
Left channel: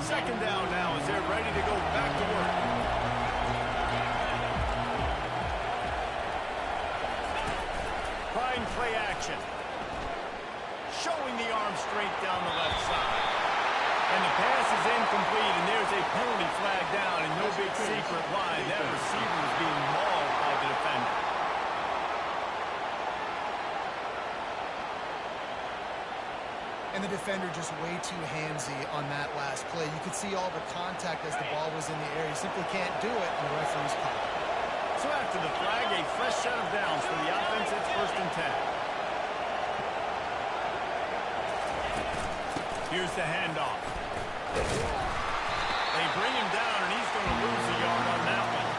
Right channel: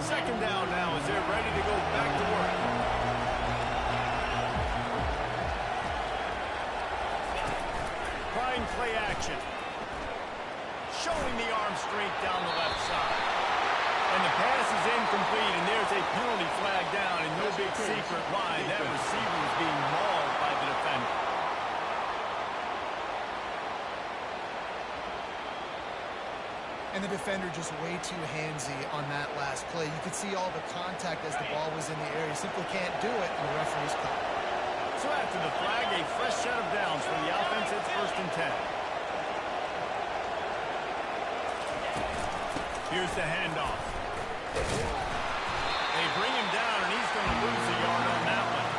Second down now as they're ready to go back to work. Trying play action. Showing the arm strength down the left side. And the pass is incomplete, and there's a penalty flag down, and no big secret why. That receiver was being mauled by the defender. And the defender just way too handsy on that last play. You could see all the contact as the ball was in the air. You simply can't do it, and the referee's caught. So after the flag, a fresh set of downs for the offense. It's 1st and 10. Here's the handoff. They bring him down, and he's going to lose a yard on that one.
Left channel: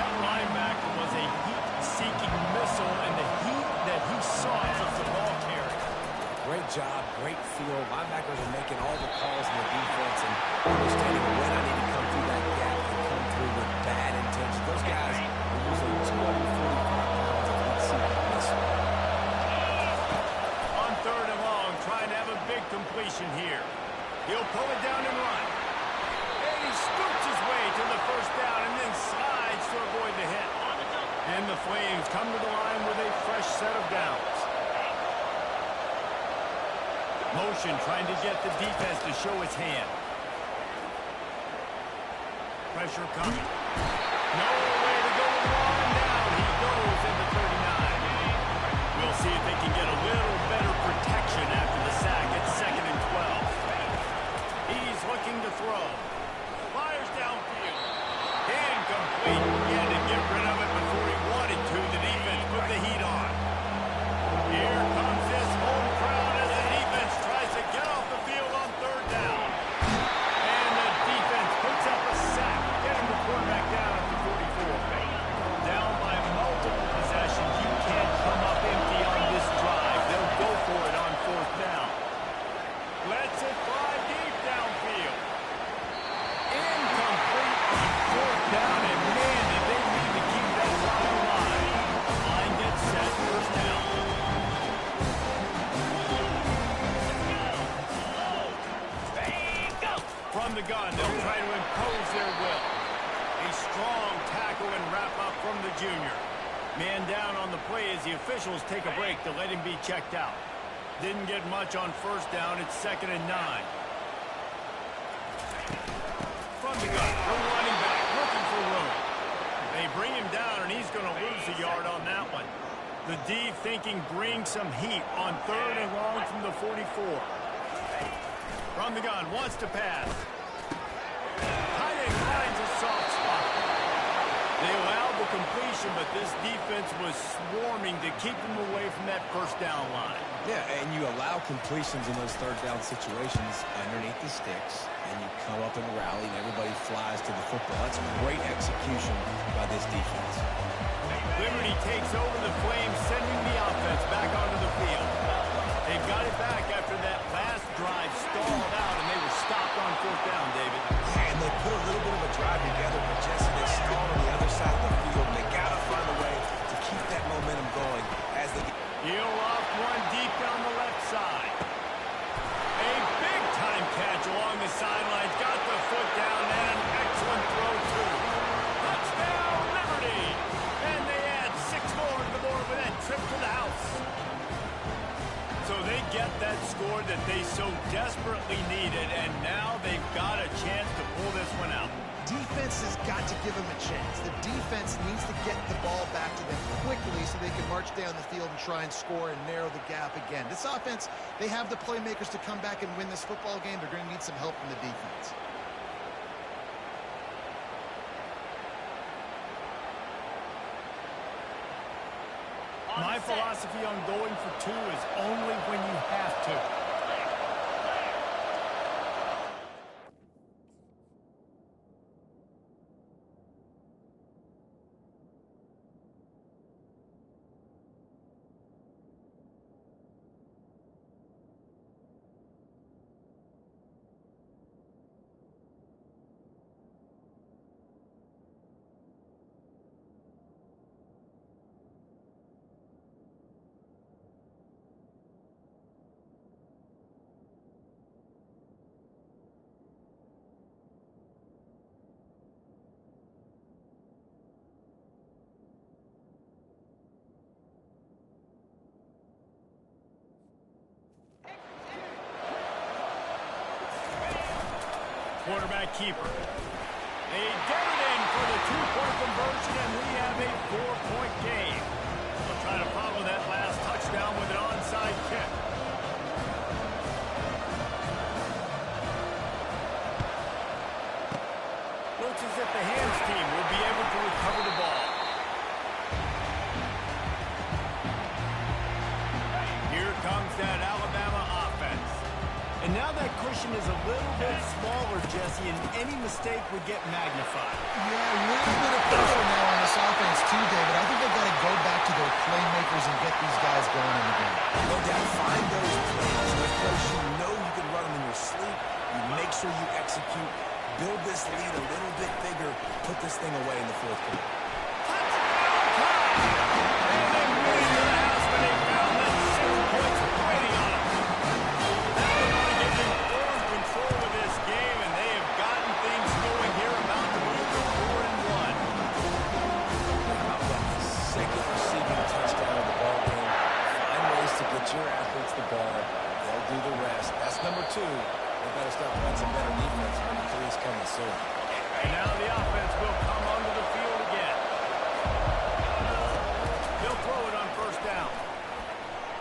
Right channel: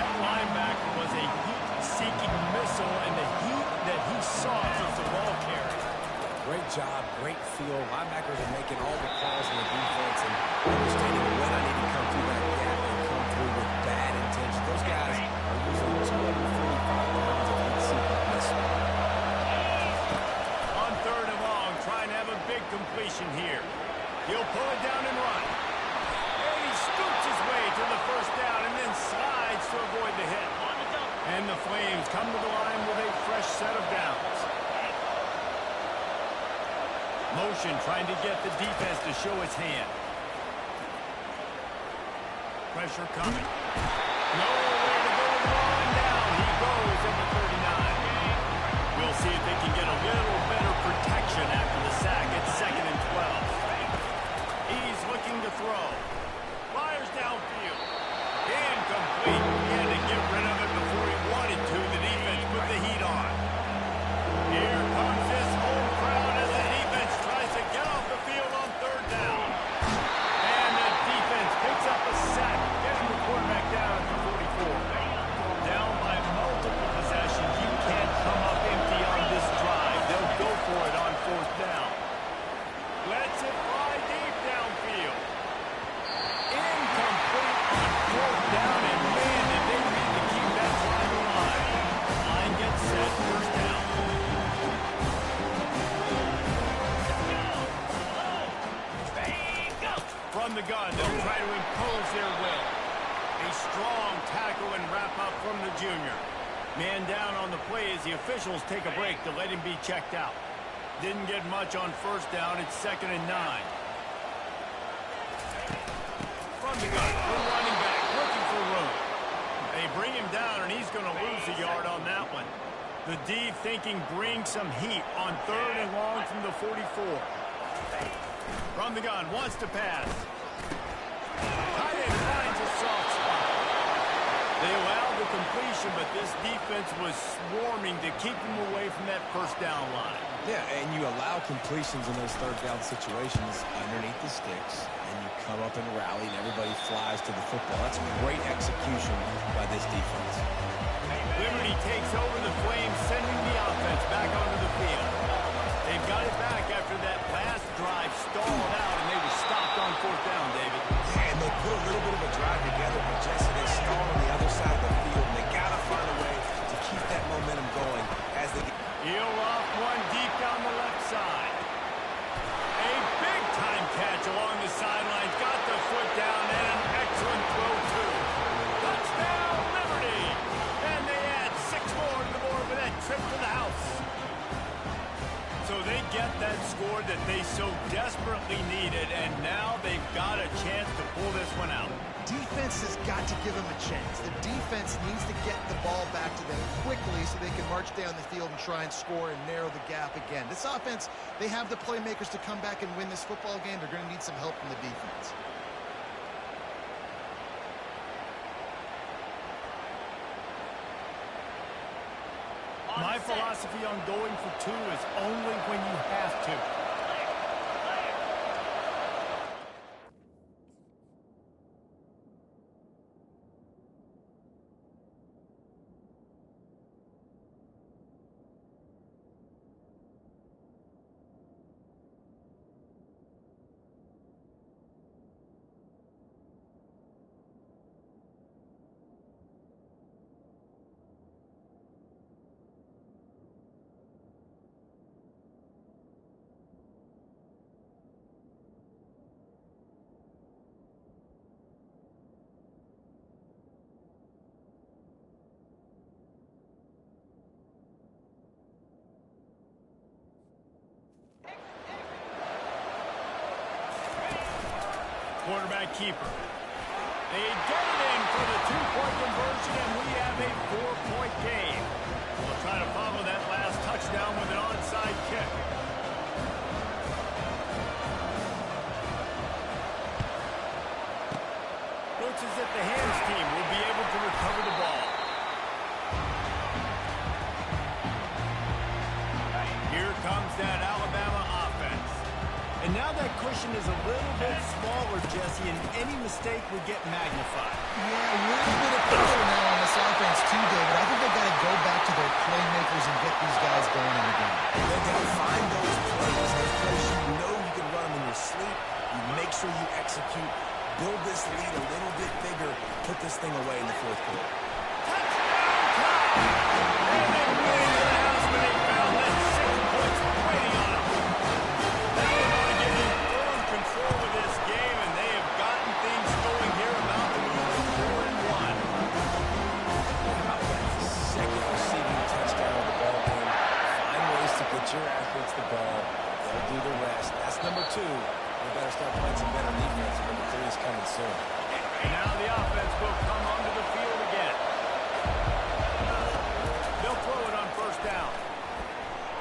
That linebacker was a heat-seeking missile, and the heat that he sought was the ball carry. Great job, great feel. Linebackers are making all the calls in the defense and understanding when I need to come through that gap and come through with bad intention. Those guys are usually 245 pounds of heat-seeking missile. On 3rd and long, trying to have a big completion here. He'll pull it down and run. And he scoots his way to the 1st down and then slides to avoid the hit. And the Flames come to the line with a fresh set of downs. Motion trying to get the defense to show its hand. Pressure coming. Nowhere to go with the ball, and down he goes at the 39. We'll see if they can get a little better protection after the sack. It's 2nd and 12. He's looking to throw. Fires downfield. Incomplete. He had to get rid of it before he wanted to. The defense put the heat on. Here comes this home crowd as the defense tries to get off the field on 3rd down. And the defense picks up a sack, getting the quarterback down at the 44. Down by multiple possessions. You can't come up empty on this drive. They'll go for it on 4th down. Lets it fly deep down the gun, they'll try to impose their will. A strong tackle and wrap-up from the junior. Man down on the play as the officials take a break to let him be checked out. Didn't get much on first down. It's 2nd and 9. From the gun, the running back looking for room. They bring him down, and he's going to lose a yard on that one. The D thinking bring some heat on 3rd and long from the 44. From the gun, wants to pass. Tight end finds a soft spot. They allowed the completion, but this defense was swarming to keep them away from that first down line. Yeah, and you allow completions in those 3rd down situations underneath the sticks, and you come up and rally, and everybody flies to the football. That's great execution by this defense. Liberty takes over the Flames, sending the offense back onto the field. They've got it back after that last drive stalled out, and they were stopped on 4th down, David. Yeah, and they put a little bit of a drive together, but Jesse, they stalled on the other side of the field, and they got to find a way to keep that momentum going as they... He'll off one deep down the left side. A big-time catch along the sidelines. Got the foot down, and an excellent throw, too. Touchdown, Liberty! And they add 6 more to the board with that trip to the house. So they get that score that they so desperately needed, and now they've got a chance to pull this one out. Defense has got to give them a chance. The defense needs to get the ball back to them quickly so they can march down the field and try and score and narrow the gap again. This offense, they have the playmakers to come back and win this football game. They're going to need some help from the defense. My philosophy on going for 2 is only when you have to. Quarterback keeper. They get it in for the 2-point conversion, and we have a 4-point game. They'll try to follow that last touchdown with an onside kick. Looks as if the hands team will be able to recover the ball. Here comes that Alabama offense. And now that cushion is a little bit smaller, Jesse, and any mistake would get magnified. Yeah, a little bit of pressure now on this offense too, David. I think they've got to go back to their playmakers and get these guys going in the game. No doubt, find those plays you know you can run them in your sleep. You make sure you execute, build this lead a little bit bigger, put this thing away in the 4th quarter. Touchdown time! And they win into the house when they found that 6 points waiting on them. That one ought to give them full control of this game, and they have gotten things going here, about to move to 4-1. How about that 2nd receiving touchdown of the ball game? Find ways to get your athletes the ball. They'll do the rest. That's number 2. They better start playing some better defense. Number 3 is coming soon. And now the offense will come onto the field again. They'll throw it on 1st down.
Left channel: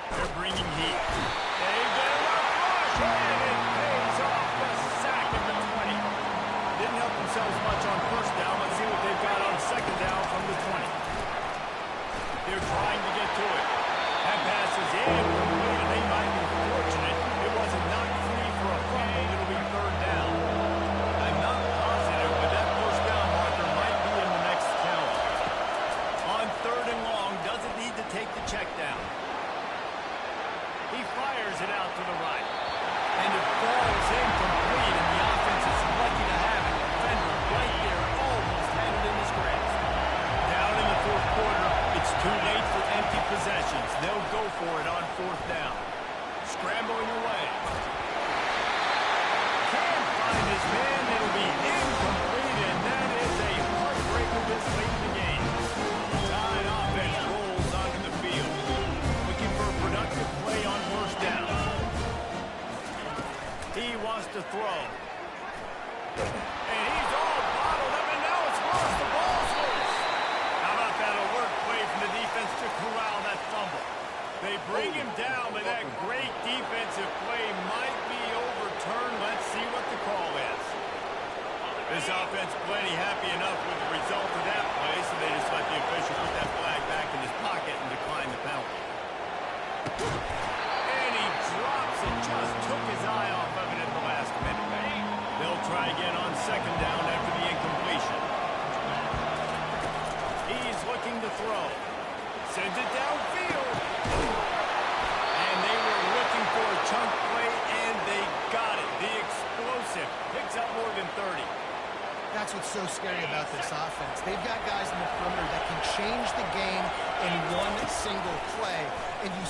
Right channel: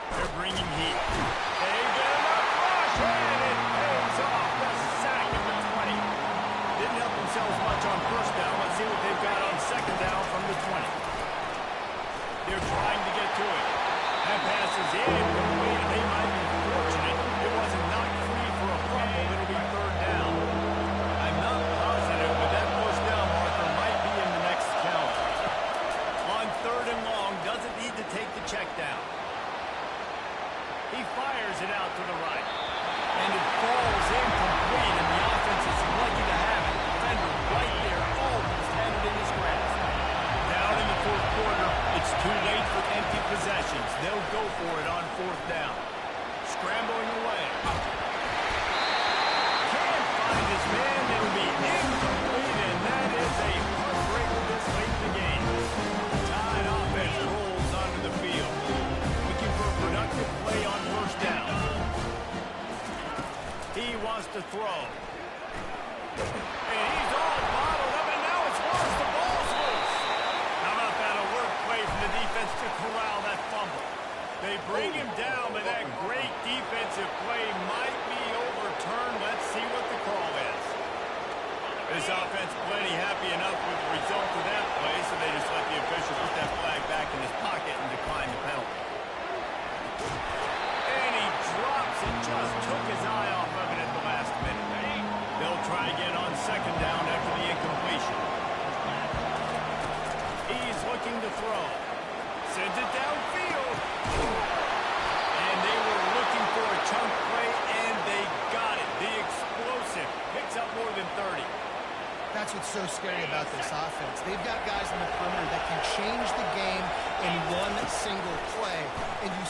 They're bringing heat. They get enough rush, and it pays off. The sack at the 20. Didn't help themselves much on 1st down. Let's see what they've got on 2nd down from the 20. They're trying to get to it. That pass is incomplete, and they might be fortunate it wasn't knocked free for a fumble. It'll be 3rd down. I'm not positive, but that 1st down marker might be in the next count. On 3rd and long, doesn't need to take the check down. He fires it out to the right. And it falls incomplete, and the offense is lucky to have it. Defender right there almost had it in his grasp. Down in the 4th quarter, it's too late for empty possessions. They'll go for it on 4th down. Scrambling away. Can't find find his man. It'll be incomplete, and that is a heartbreaker this late in the game. The Tide offense rolls onto the field, looking for a productive play on first down. He wants to throw. And he's all bottled up, and now it's worse. The ball's loose. How about that alert play from the defense to corral that fumble? They bring him down, but that great defensive play might be overturned. Let's see what the call is. This offense plenty happy enough with the result of that play, so they just let the official put that flag back in his pocket and decline the penalty. And he drops it. Just took his eye off of it at the last minute. They'll try again on second down after the incompletion. He's looking to throw. Sends it downfield. And they were looking for a chunk play, and they got it. The explosive picks up more than 30. That's what's so scary about this offense. They've got guys in the perimeter that can change the game in one single play. And you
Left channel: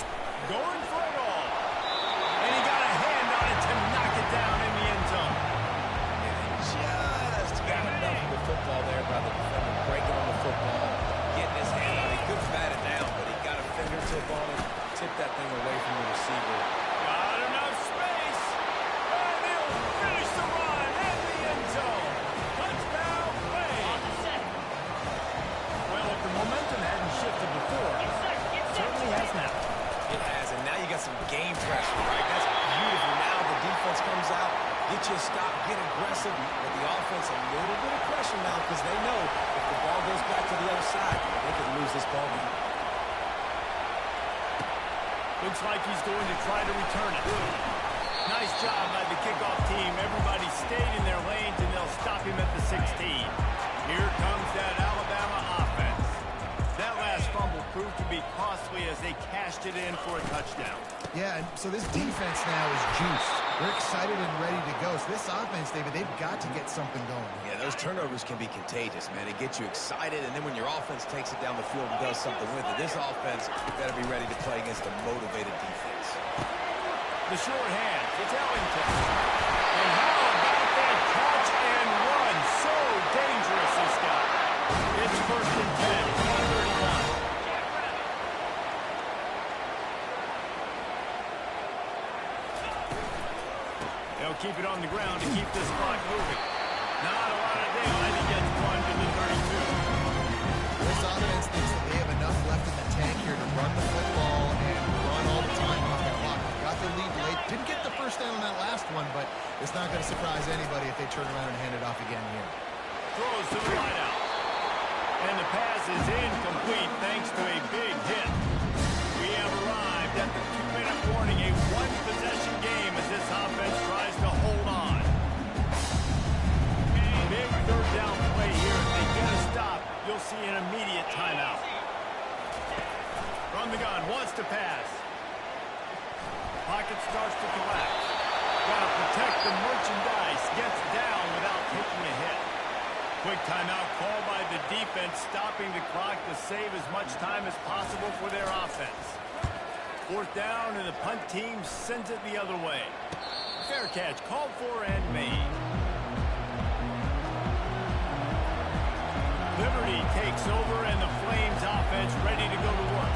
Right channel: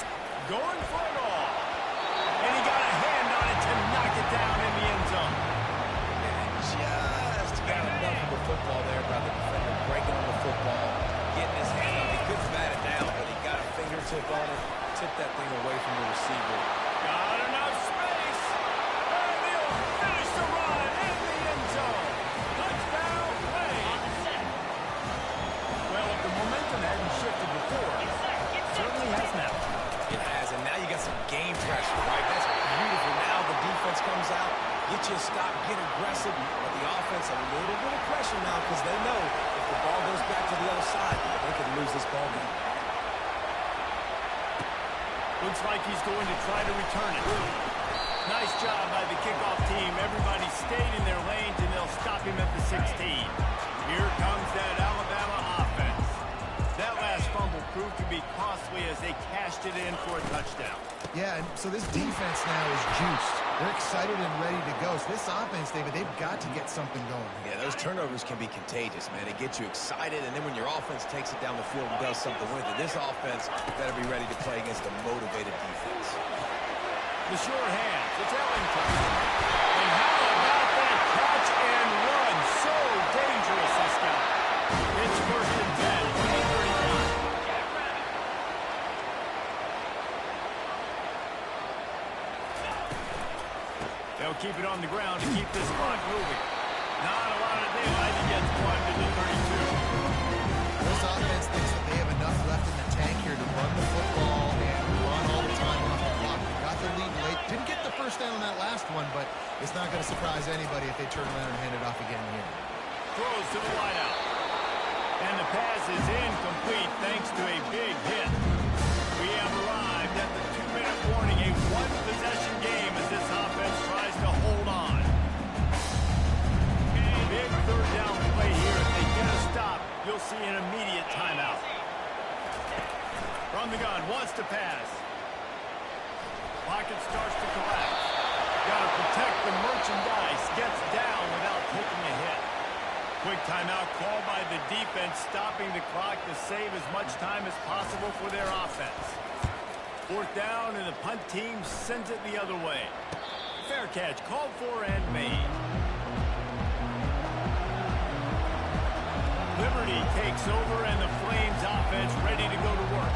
going for it all. And he got a hand on it to knock it down in the end zone. And just got enough of the football there by the defender breaking on the football, getting his hand on it. He couldn't bat it down, but he got a fingertip on it, tipped that thing away from the receiver. Got enough space. And he'll finish the run in the end zone. Touchdown play. On the set. Well, if the momentum hadn't shifted before, Get set. Get it set. certainly has now. It has, and now you got some game pressure, right? That's beautiful. Now the defense comes out, get you a stop, get aggressive, but the offense a little bit of pressure now because they know if the ball goes back to the other side, they could lose this ball game. Looks like he's going to try to return it. Nice job by the kickoff team. Everybody stayed in their lanes, and they'll stop him at the 16. Here comes that Alabama offense. That last fumble proved to be costly as they cashed it in for a touchdown. Yeah, and so this defense now is juiced. They're excited and ready to go. So this offense, David, they've got to get something going. Yeah, those turnovers can be contagious, man. It gets you excited, and then when your offense takes it down the field and does something with it, this offense better be ready to play against a motivated defense. The short hands, it's Ellington. And how about that catch and run? So dangerous, this guy. It's first and 10 from the 39. They'll keep it on the ground to keep this clock moving. Not a lot of daylight. He gets one to the 32. This offense thinks that they have enough left in the tank here to run the football and run all the time off the clock. They got the lead late. Didn't get the first down on that last one, but it's not going to surprise anybody if they turn around and hand it off again here. Throws to the wideout. And the pass is incomplete thanks to a big hit. We have arrived at the 2-minute warning, a one-possession game as this offense tries to hold on. Big third down play here. If they get a stop, you'll see an immediate timeout. From the gun, wants to pass. Pocket starts to collapse. Got to protect the merchandise. Gets down without taking a hit. Quick timeout called by the defense, stopping the clock to save as much time as possible for their offense. Fourth down, and the punt team sends it the other way. Fair catch, called for and made. Liberty takes over, and the Flames offense ready to go to work.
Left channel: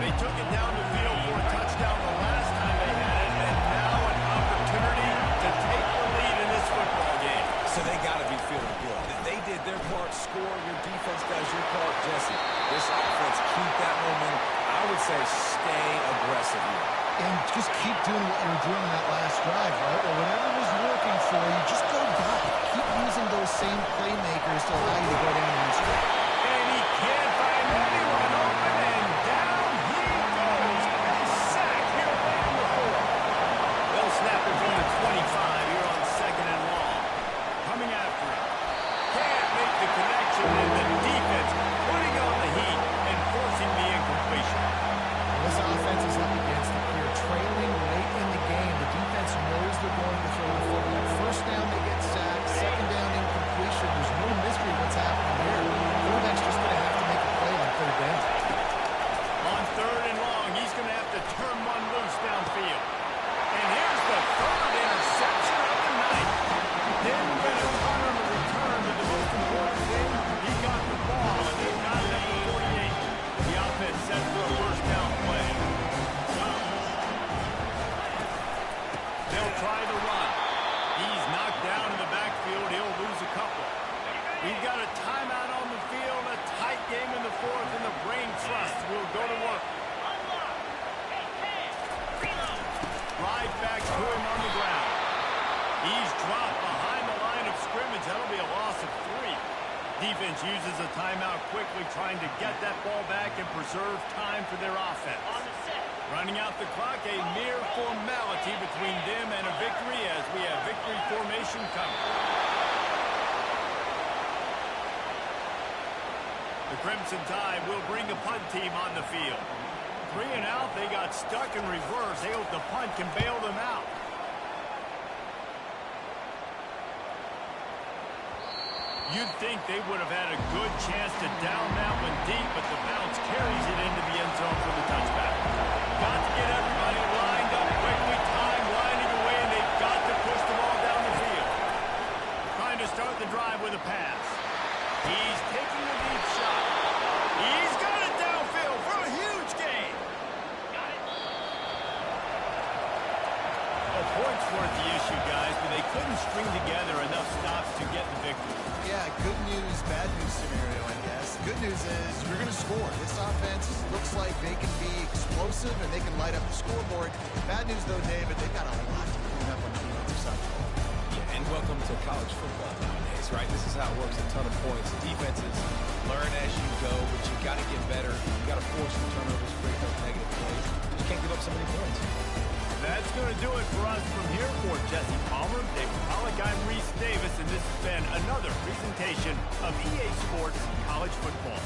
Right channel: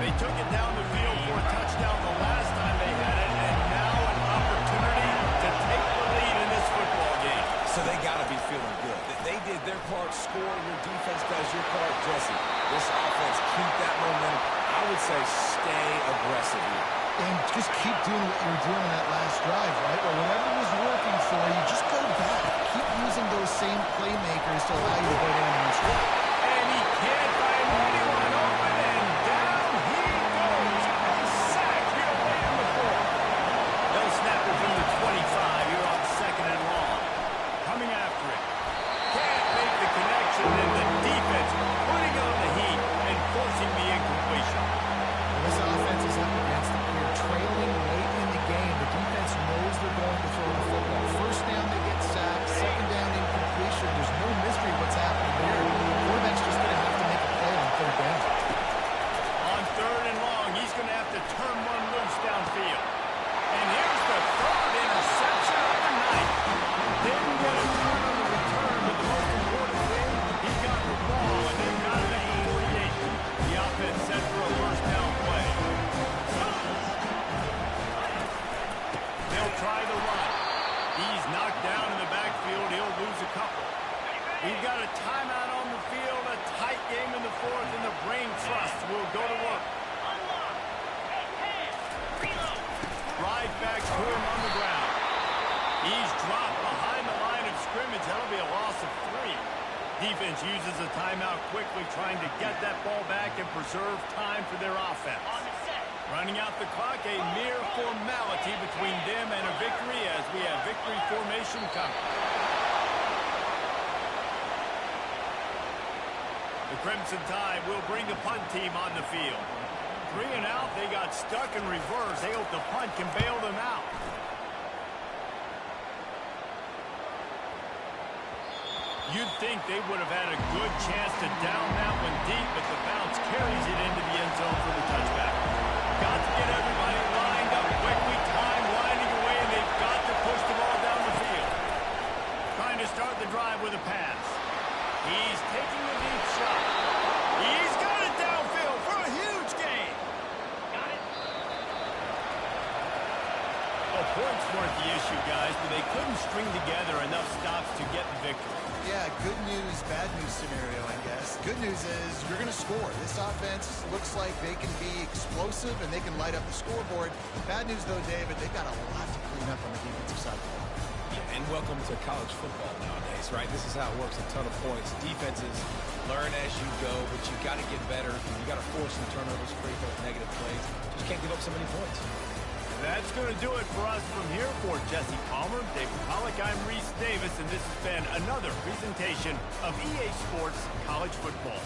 They took it down the field for a touchdown the last time they had it, and now an opportunity to take the lead in this football game. So they got to be feeling good. They did their part, score. Your defense does your part, Jesse. This offense, keep that momentum. I would say stay aggressive here. And just keep doing what you were doing in that last drive, right? Well, whatever was working for you, just go back. Keep using those same playmakers to allow you to go down and score. And he can't find anyone open, and down he goes. A sack here late in the fourth. They'll snap it from the 25 here on second and long. Coming after it. Can't make the connection, and the defense putting on the heat and forcing the incompletion. Well, this offense is up against it here. Trailing late in the game, the defense knows they're going to throw the football. First down, they get sacked. Second down, incompletion. There's no mystery what's happening here. The quarterback's just going to have to make a play on third down. On third and long, he's going to have to turn one loose downfield. And here's the third interception of the night. We've got a timeout on the field, a tight game in the fourth, and the brain trust will go to work. Unlock. Hey, hands. Reload. Right back to him on the ground. He's dropped behind the line of scrimmage. That'll be a loss of 3. Defense uses a timeout quickly, trying to get that ball back and preserve time for their offense. On the set. Running out the clock, a mere formality between them and a victory as we have victory formation coming. The Crimson Tide will bring the punt team on the field. 3 and out, they got stuck in reverse. They hope the punt can bail them out. You'd think they would have had a good chance to down that one deep, but the bounce carries it into the end zone for the touchback. Got to get everybody lined up quickly, time winding away, and they've got to push the ball down the field. Trying to start the drive with a pass. He's taking a deep shot. He's got it downfield for a huge gain. Got it. A point's worth the issue, guys, but they couldn't string together enough stops to get the victory. Yeah, good news, bad news scenario, I guess. Good news is you're going to score. This offense looks like they can be explosive and they can light up the scoreboard. Bad news, though, David, they've got a lot to clean up on the defensive side of the ball. Yeah, and welcome to college football nowadays, right? This is how it works, a ton of points. Defenses learn as you go, but you got to get better. You got to force some turnovers, create those negative plays. Just can't give up so many points. That's going to do it for us from here. For Jesse Palmer, David Pollack, I'm Reese Davis, and this has been another presentation of EA Sports College Football.